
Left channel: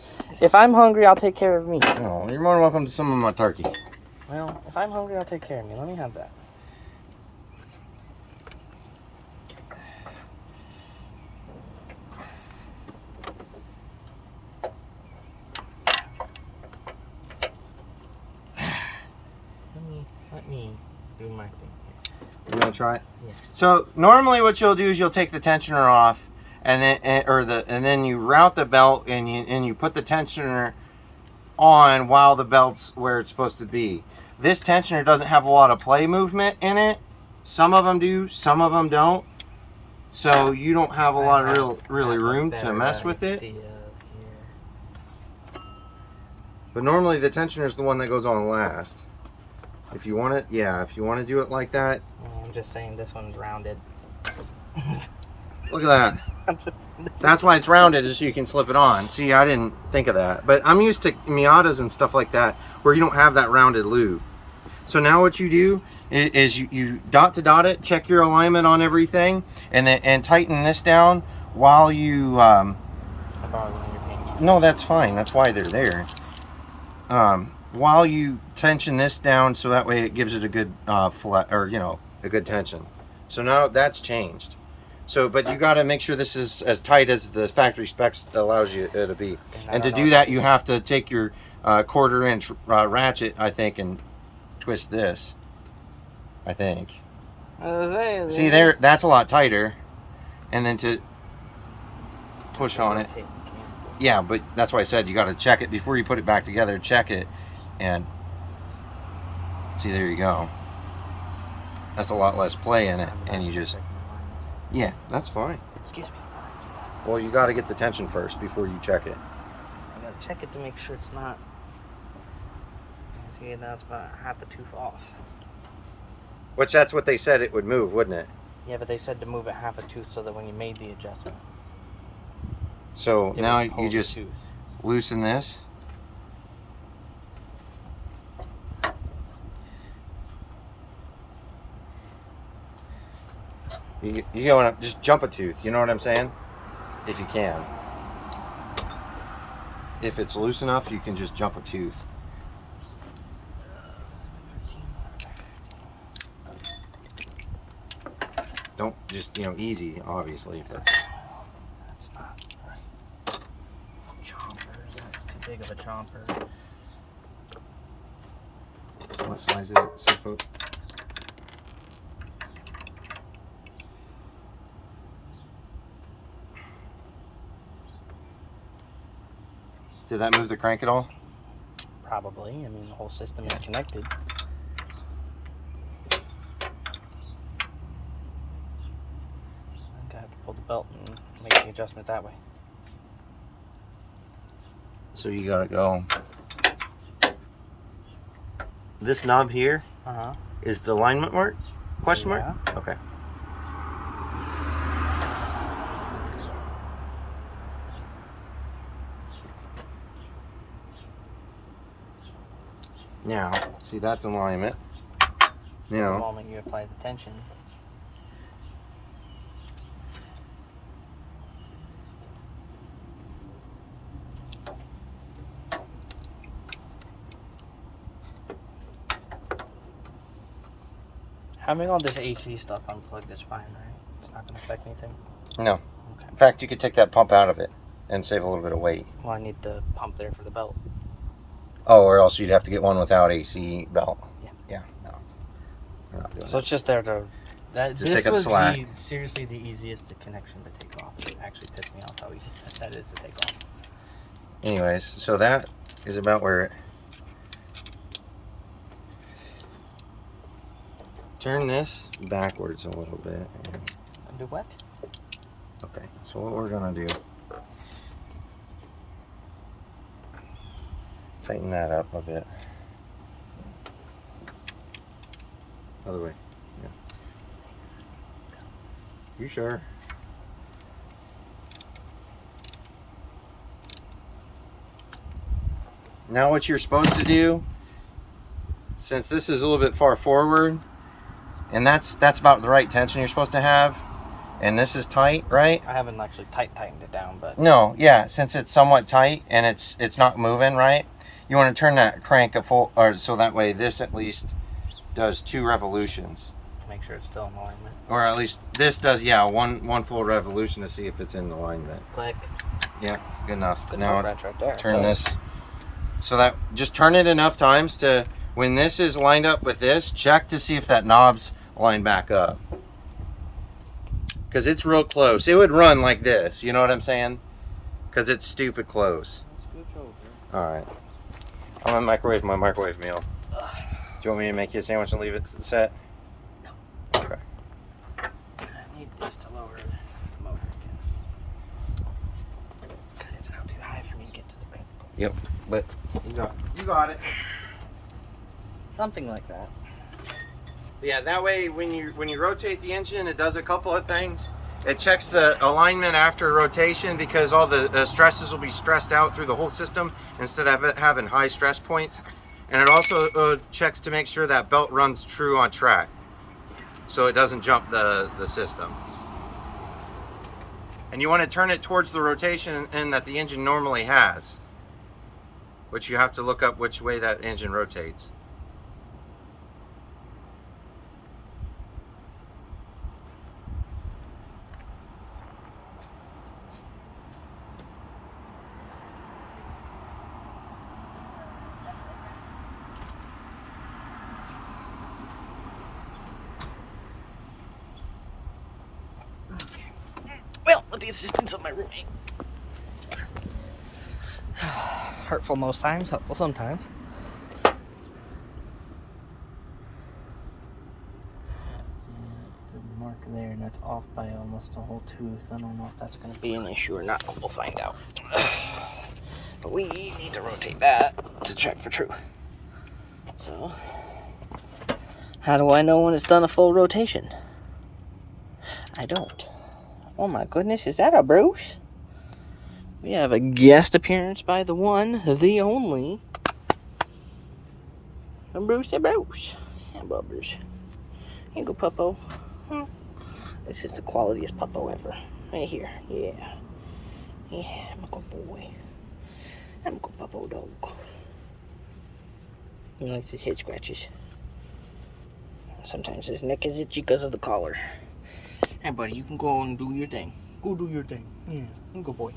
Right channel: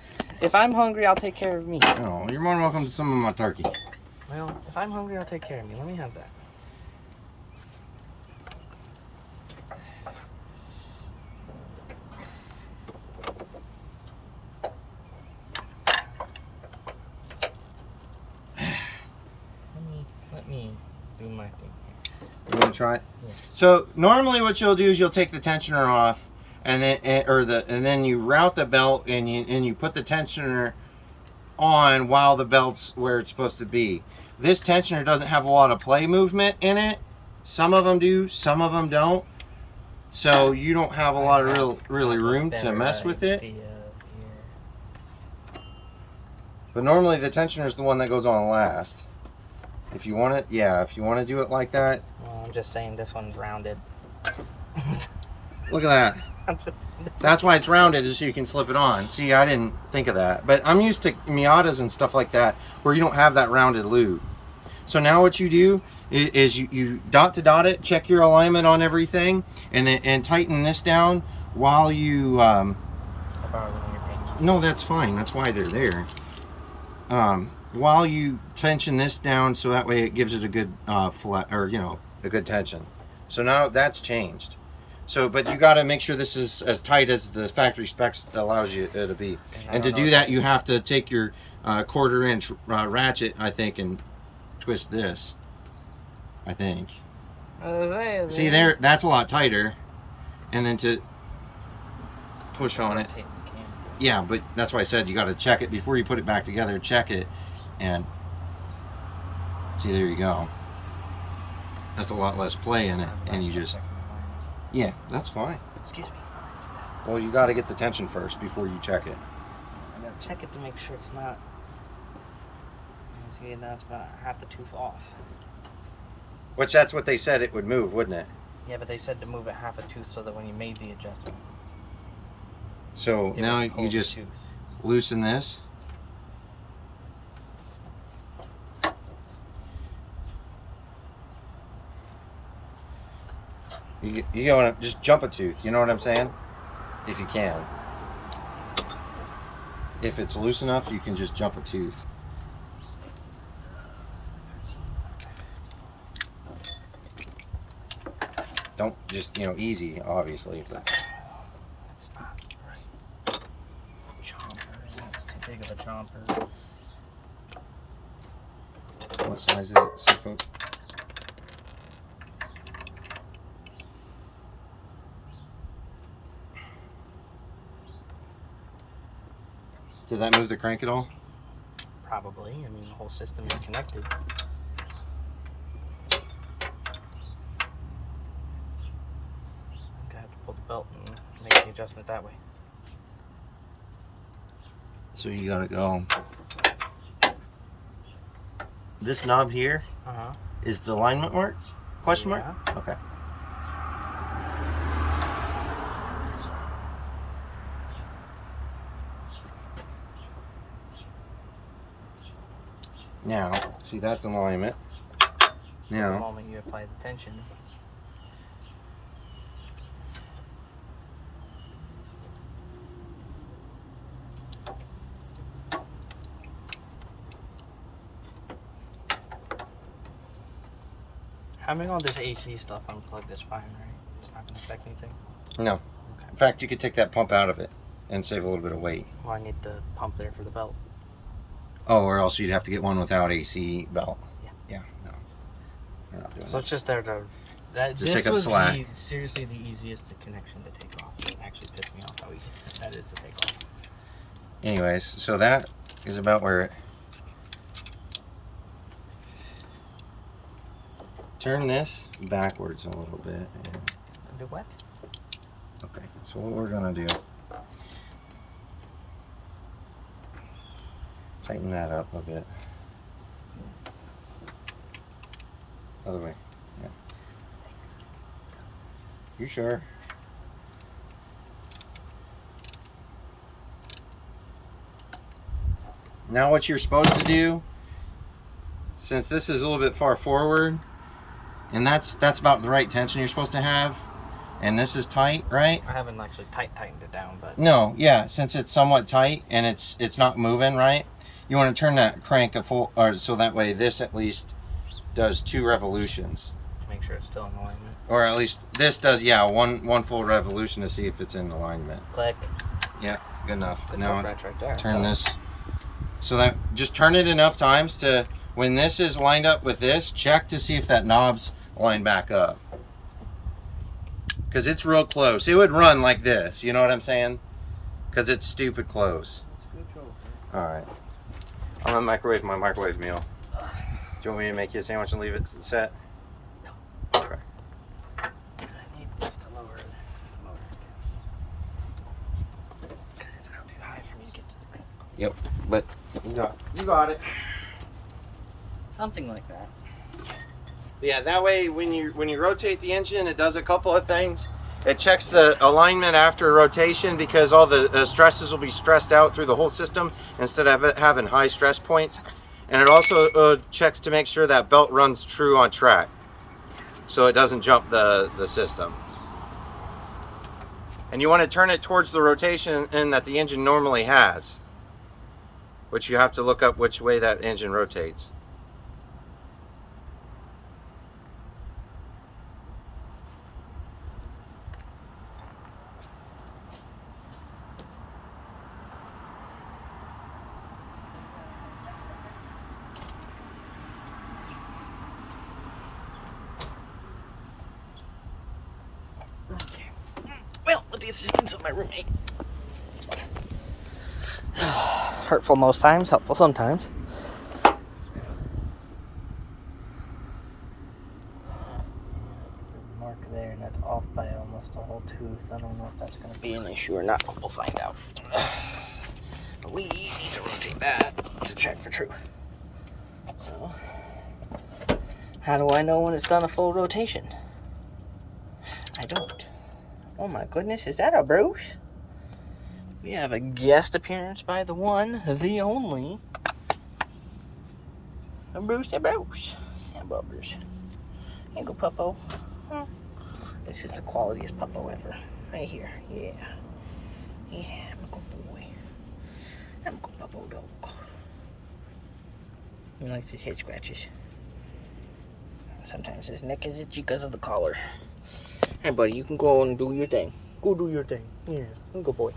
If I'm hungry, I'll take care of me. Oh, you're more than welcome to some of my turkey. Well, if I'm hungry, I'll take care of me. Let me have that. do my thing here. You want to try it? Yes. So normally what you'll do is you'll take the tensioner off, and then you route the belt, and you put the tensioner on while the belt's where it's supposed to be. This tensioner doesn't have a lot of play movement in it. Some of them do, some of them don't. So you don't have a lot of really room to mess with it. But normally the tensioner is the one that goes on last. If you want it, yeah, if you want to do it like that. Well, I'm just saying this one's rounded. Look at that. That's why it's rounded, is so you can slip it on. See, I didn't think of that. But I'm used to Miatas and stuff like that where you don't have that rounded lube. So now what you do is you dot to dot it, check your alignment on everything, and tighten this down while you... No, that's fine. That's why they're there. While you tension this down, so that way it gives it a good flat, or a good tension. So now that's changed. So, but you got to make sure this is as tight as the factory specs allows you it to be. And to do that, you have to take your 1/4 inch ratchet, I think, and twist this. I think. See there, that's a lot tighter. And then to push on it. Yeah, but that's why I said you got to check it before you put it back together. Check it, and see, there you go. That's a lot less play in it, and you just, yeah, that's fine. Excuse me. Well, you got to get the tension first before you check it. I got to check it to make sure it's not. See, now it's about half a tooth off. Which that's what they said it would move, wouldn't it? Yeah, but they said to move it half a tooth so that when you made the adjustment. So now you just loosen this. You want to just jump a tooth, you know what I'm saying? If you can. If it's loose enough, you can just jump a tooth. Don't just, easy, obviously, but that's not right. Chomper, that's too big of a chomper. What size is it? 6 foot? Did that move the crank at all? Probably. I mean, the whole system is connected. I have to pull the belt and make the adjustment that way. So you gotta go. This knob here is the alignment mark? Question mark? Yeah. Okay. Now, see, that's alignment. The Now, moment you apply the tension. Having all this AC stuff unplugged is fine, right? It's not going to affect anything? no. Okay. In fact, you could take that pump out of it and save a little bit of weight. Well, I need the pump there for the belt. Oh, or else you'd have to get one without AC belt. Yeah. Yeah, no. We're not doing So it's just there to... Just take up slack. Seriously the easiest connection to take off. It actually pissed me off how easy that is to take off. Anyways, so that is about where it... Turn this backwards a little bit. And... Do what? Okay, so what we're gonna do... Tighten that up a bit. Other way, yeah. You sure? Now what you're supposed to do, since this is a little bit far forward, and that's about the right tension you're supposed to have, and this is tight, right? I haven't actually tightened it down, but... No, yeah, since it's somewhat tight and it's not moving, right? You want to turn that crank a full, or so that way this at least does 2 revolutions. Make sure it's still in alignment. Or at least this does, yeah, one full revolution to see if it's in alignment. Click. Yeah, good enough. Good Now right there. turn this, so that, just turn it enough times to when this is lined up with this, check to see if that knob's lined back up. Because it's real close. It would run like this, you know what I'm saying? Because it's stupid close. Alright. I'm gonna microwave my microwave meal. Do you want me to make you a sandwich and leave it set? No. Okay. I need just to lower the motor again. Because it's out too high for me to get to the brake. Yep, but you got it. Something like that. Yeah, that way when you rotate the engine, it does a couple of things. It checks the alignment after rotation because all the stresses will be stressed out through the whole system instead of having high stress points. And it also checks to make sure that belt runs true on track, so it doesn't jump the system. And you want to turn it towards the rotation that the engine normally has, which you have to look up which way that engine rotates. Okay. Well, with the assistance of my roommate. Hurtful most times, helpful sometimes. Mark there, and that's off by almost a whole tooth. I don't know if that's going to be an issue or not, but we'll find out. But we need to rotate that to check for true. So, how do I know when it's done a full rotation? I don't. Oh my goodness, is that a Bruce? We have a guest appearance by the one, the only, Bruce and Bruce. Yeah, Bubbers. Here you go, Puppo. Oh, this is the qualitiest Puppo ever. Right here, yeah. Yeah, I'm a good boy. I'm a good Puppo dog. He likes his head scratches. Sometimes his neck is itchy because of the collar. Hey, buddy, you can go and do your thing. Go do your thing. Yeah, good boy.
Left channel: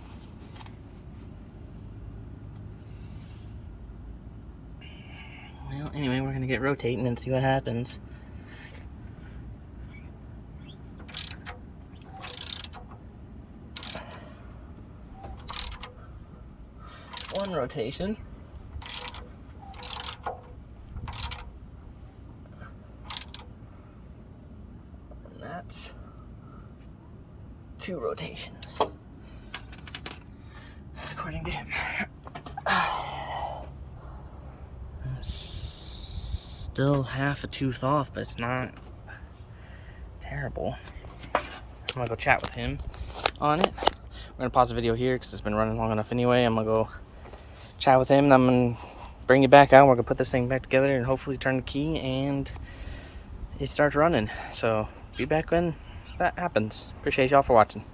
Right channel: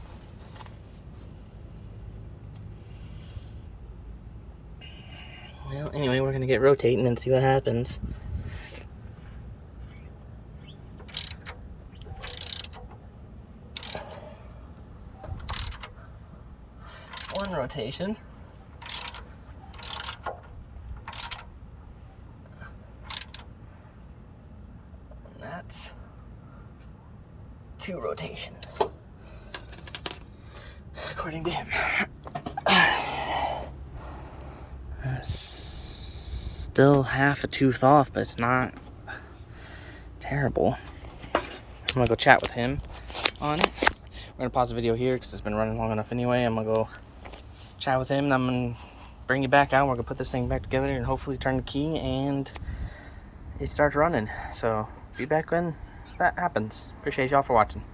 Well, anyway, we're going to get rotating and see what happens. One rotation. That's 2 rotations, according to him. Still half a tooth off, but it's not terrible. I'm gonna go chat with him on it. We're gonna pause the video here because it's been running long enough anyway. I'm gonna go chat with him, and I'm gonna bring you back out. We're gonna put this thing back together and hopefully turn the key and it starts running. So be back when that happens. Appreciate y'all for watching.